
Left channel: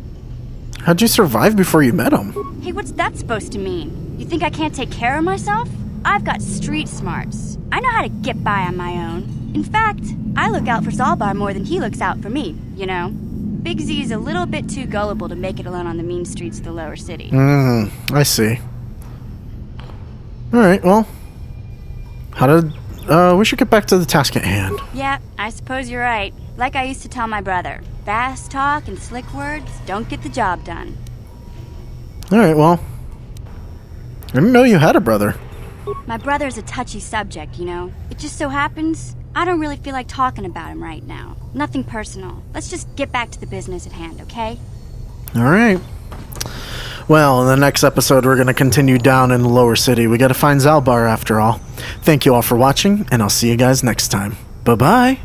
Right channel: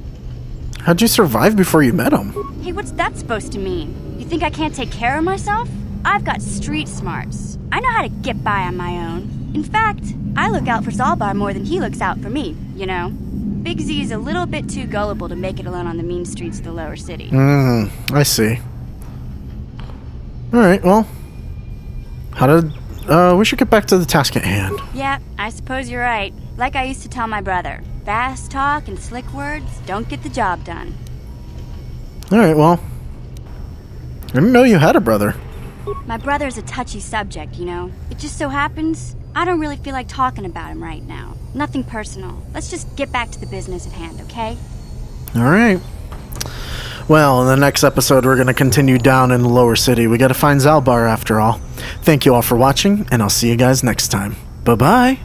How'd you survive before you met him? Hey, what's that supposed to mean? You think I can't take care of myself? I've got street smarts. I know how to get by on my own. In fact, I look out for Zalbar more than he looks out for me, you know? Big Z's a little bit too gullible to make it alone on the mean streets of the lower city. I see. Alright, well. We should get back to the task at hand. Yeah, I suppose you're right. Like I used to tell my brother, fast talk and slick words don't get the job done. Alright, well. I didn't know you had a brother. My brother's a touchy subject, you know? It just so happens I don't really feel like talking about him right now. Nothing personal. Let's just get back to the business at hand, okay? Alright. Well, in the next episode, we're going to continue down in the lower city. We got to find Zalbar after all. Thank you all for watching, and I'll see you guys next time. Bye-bye.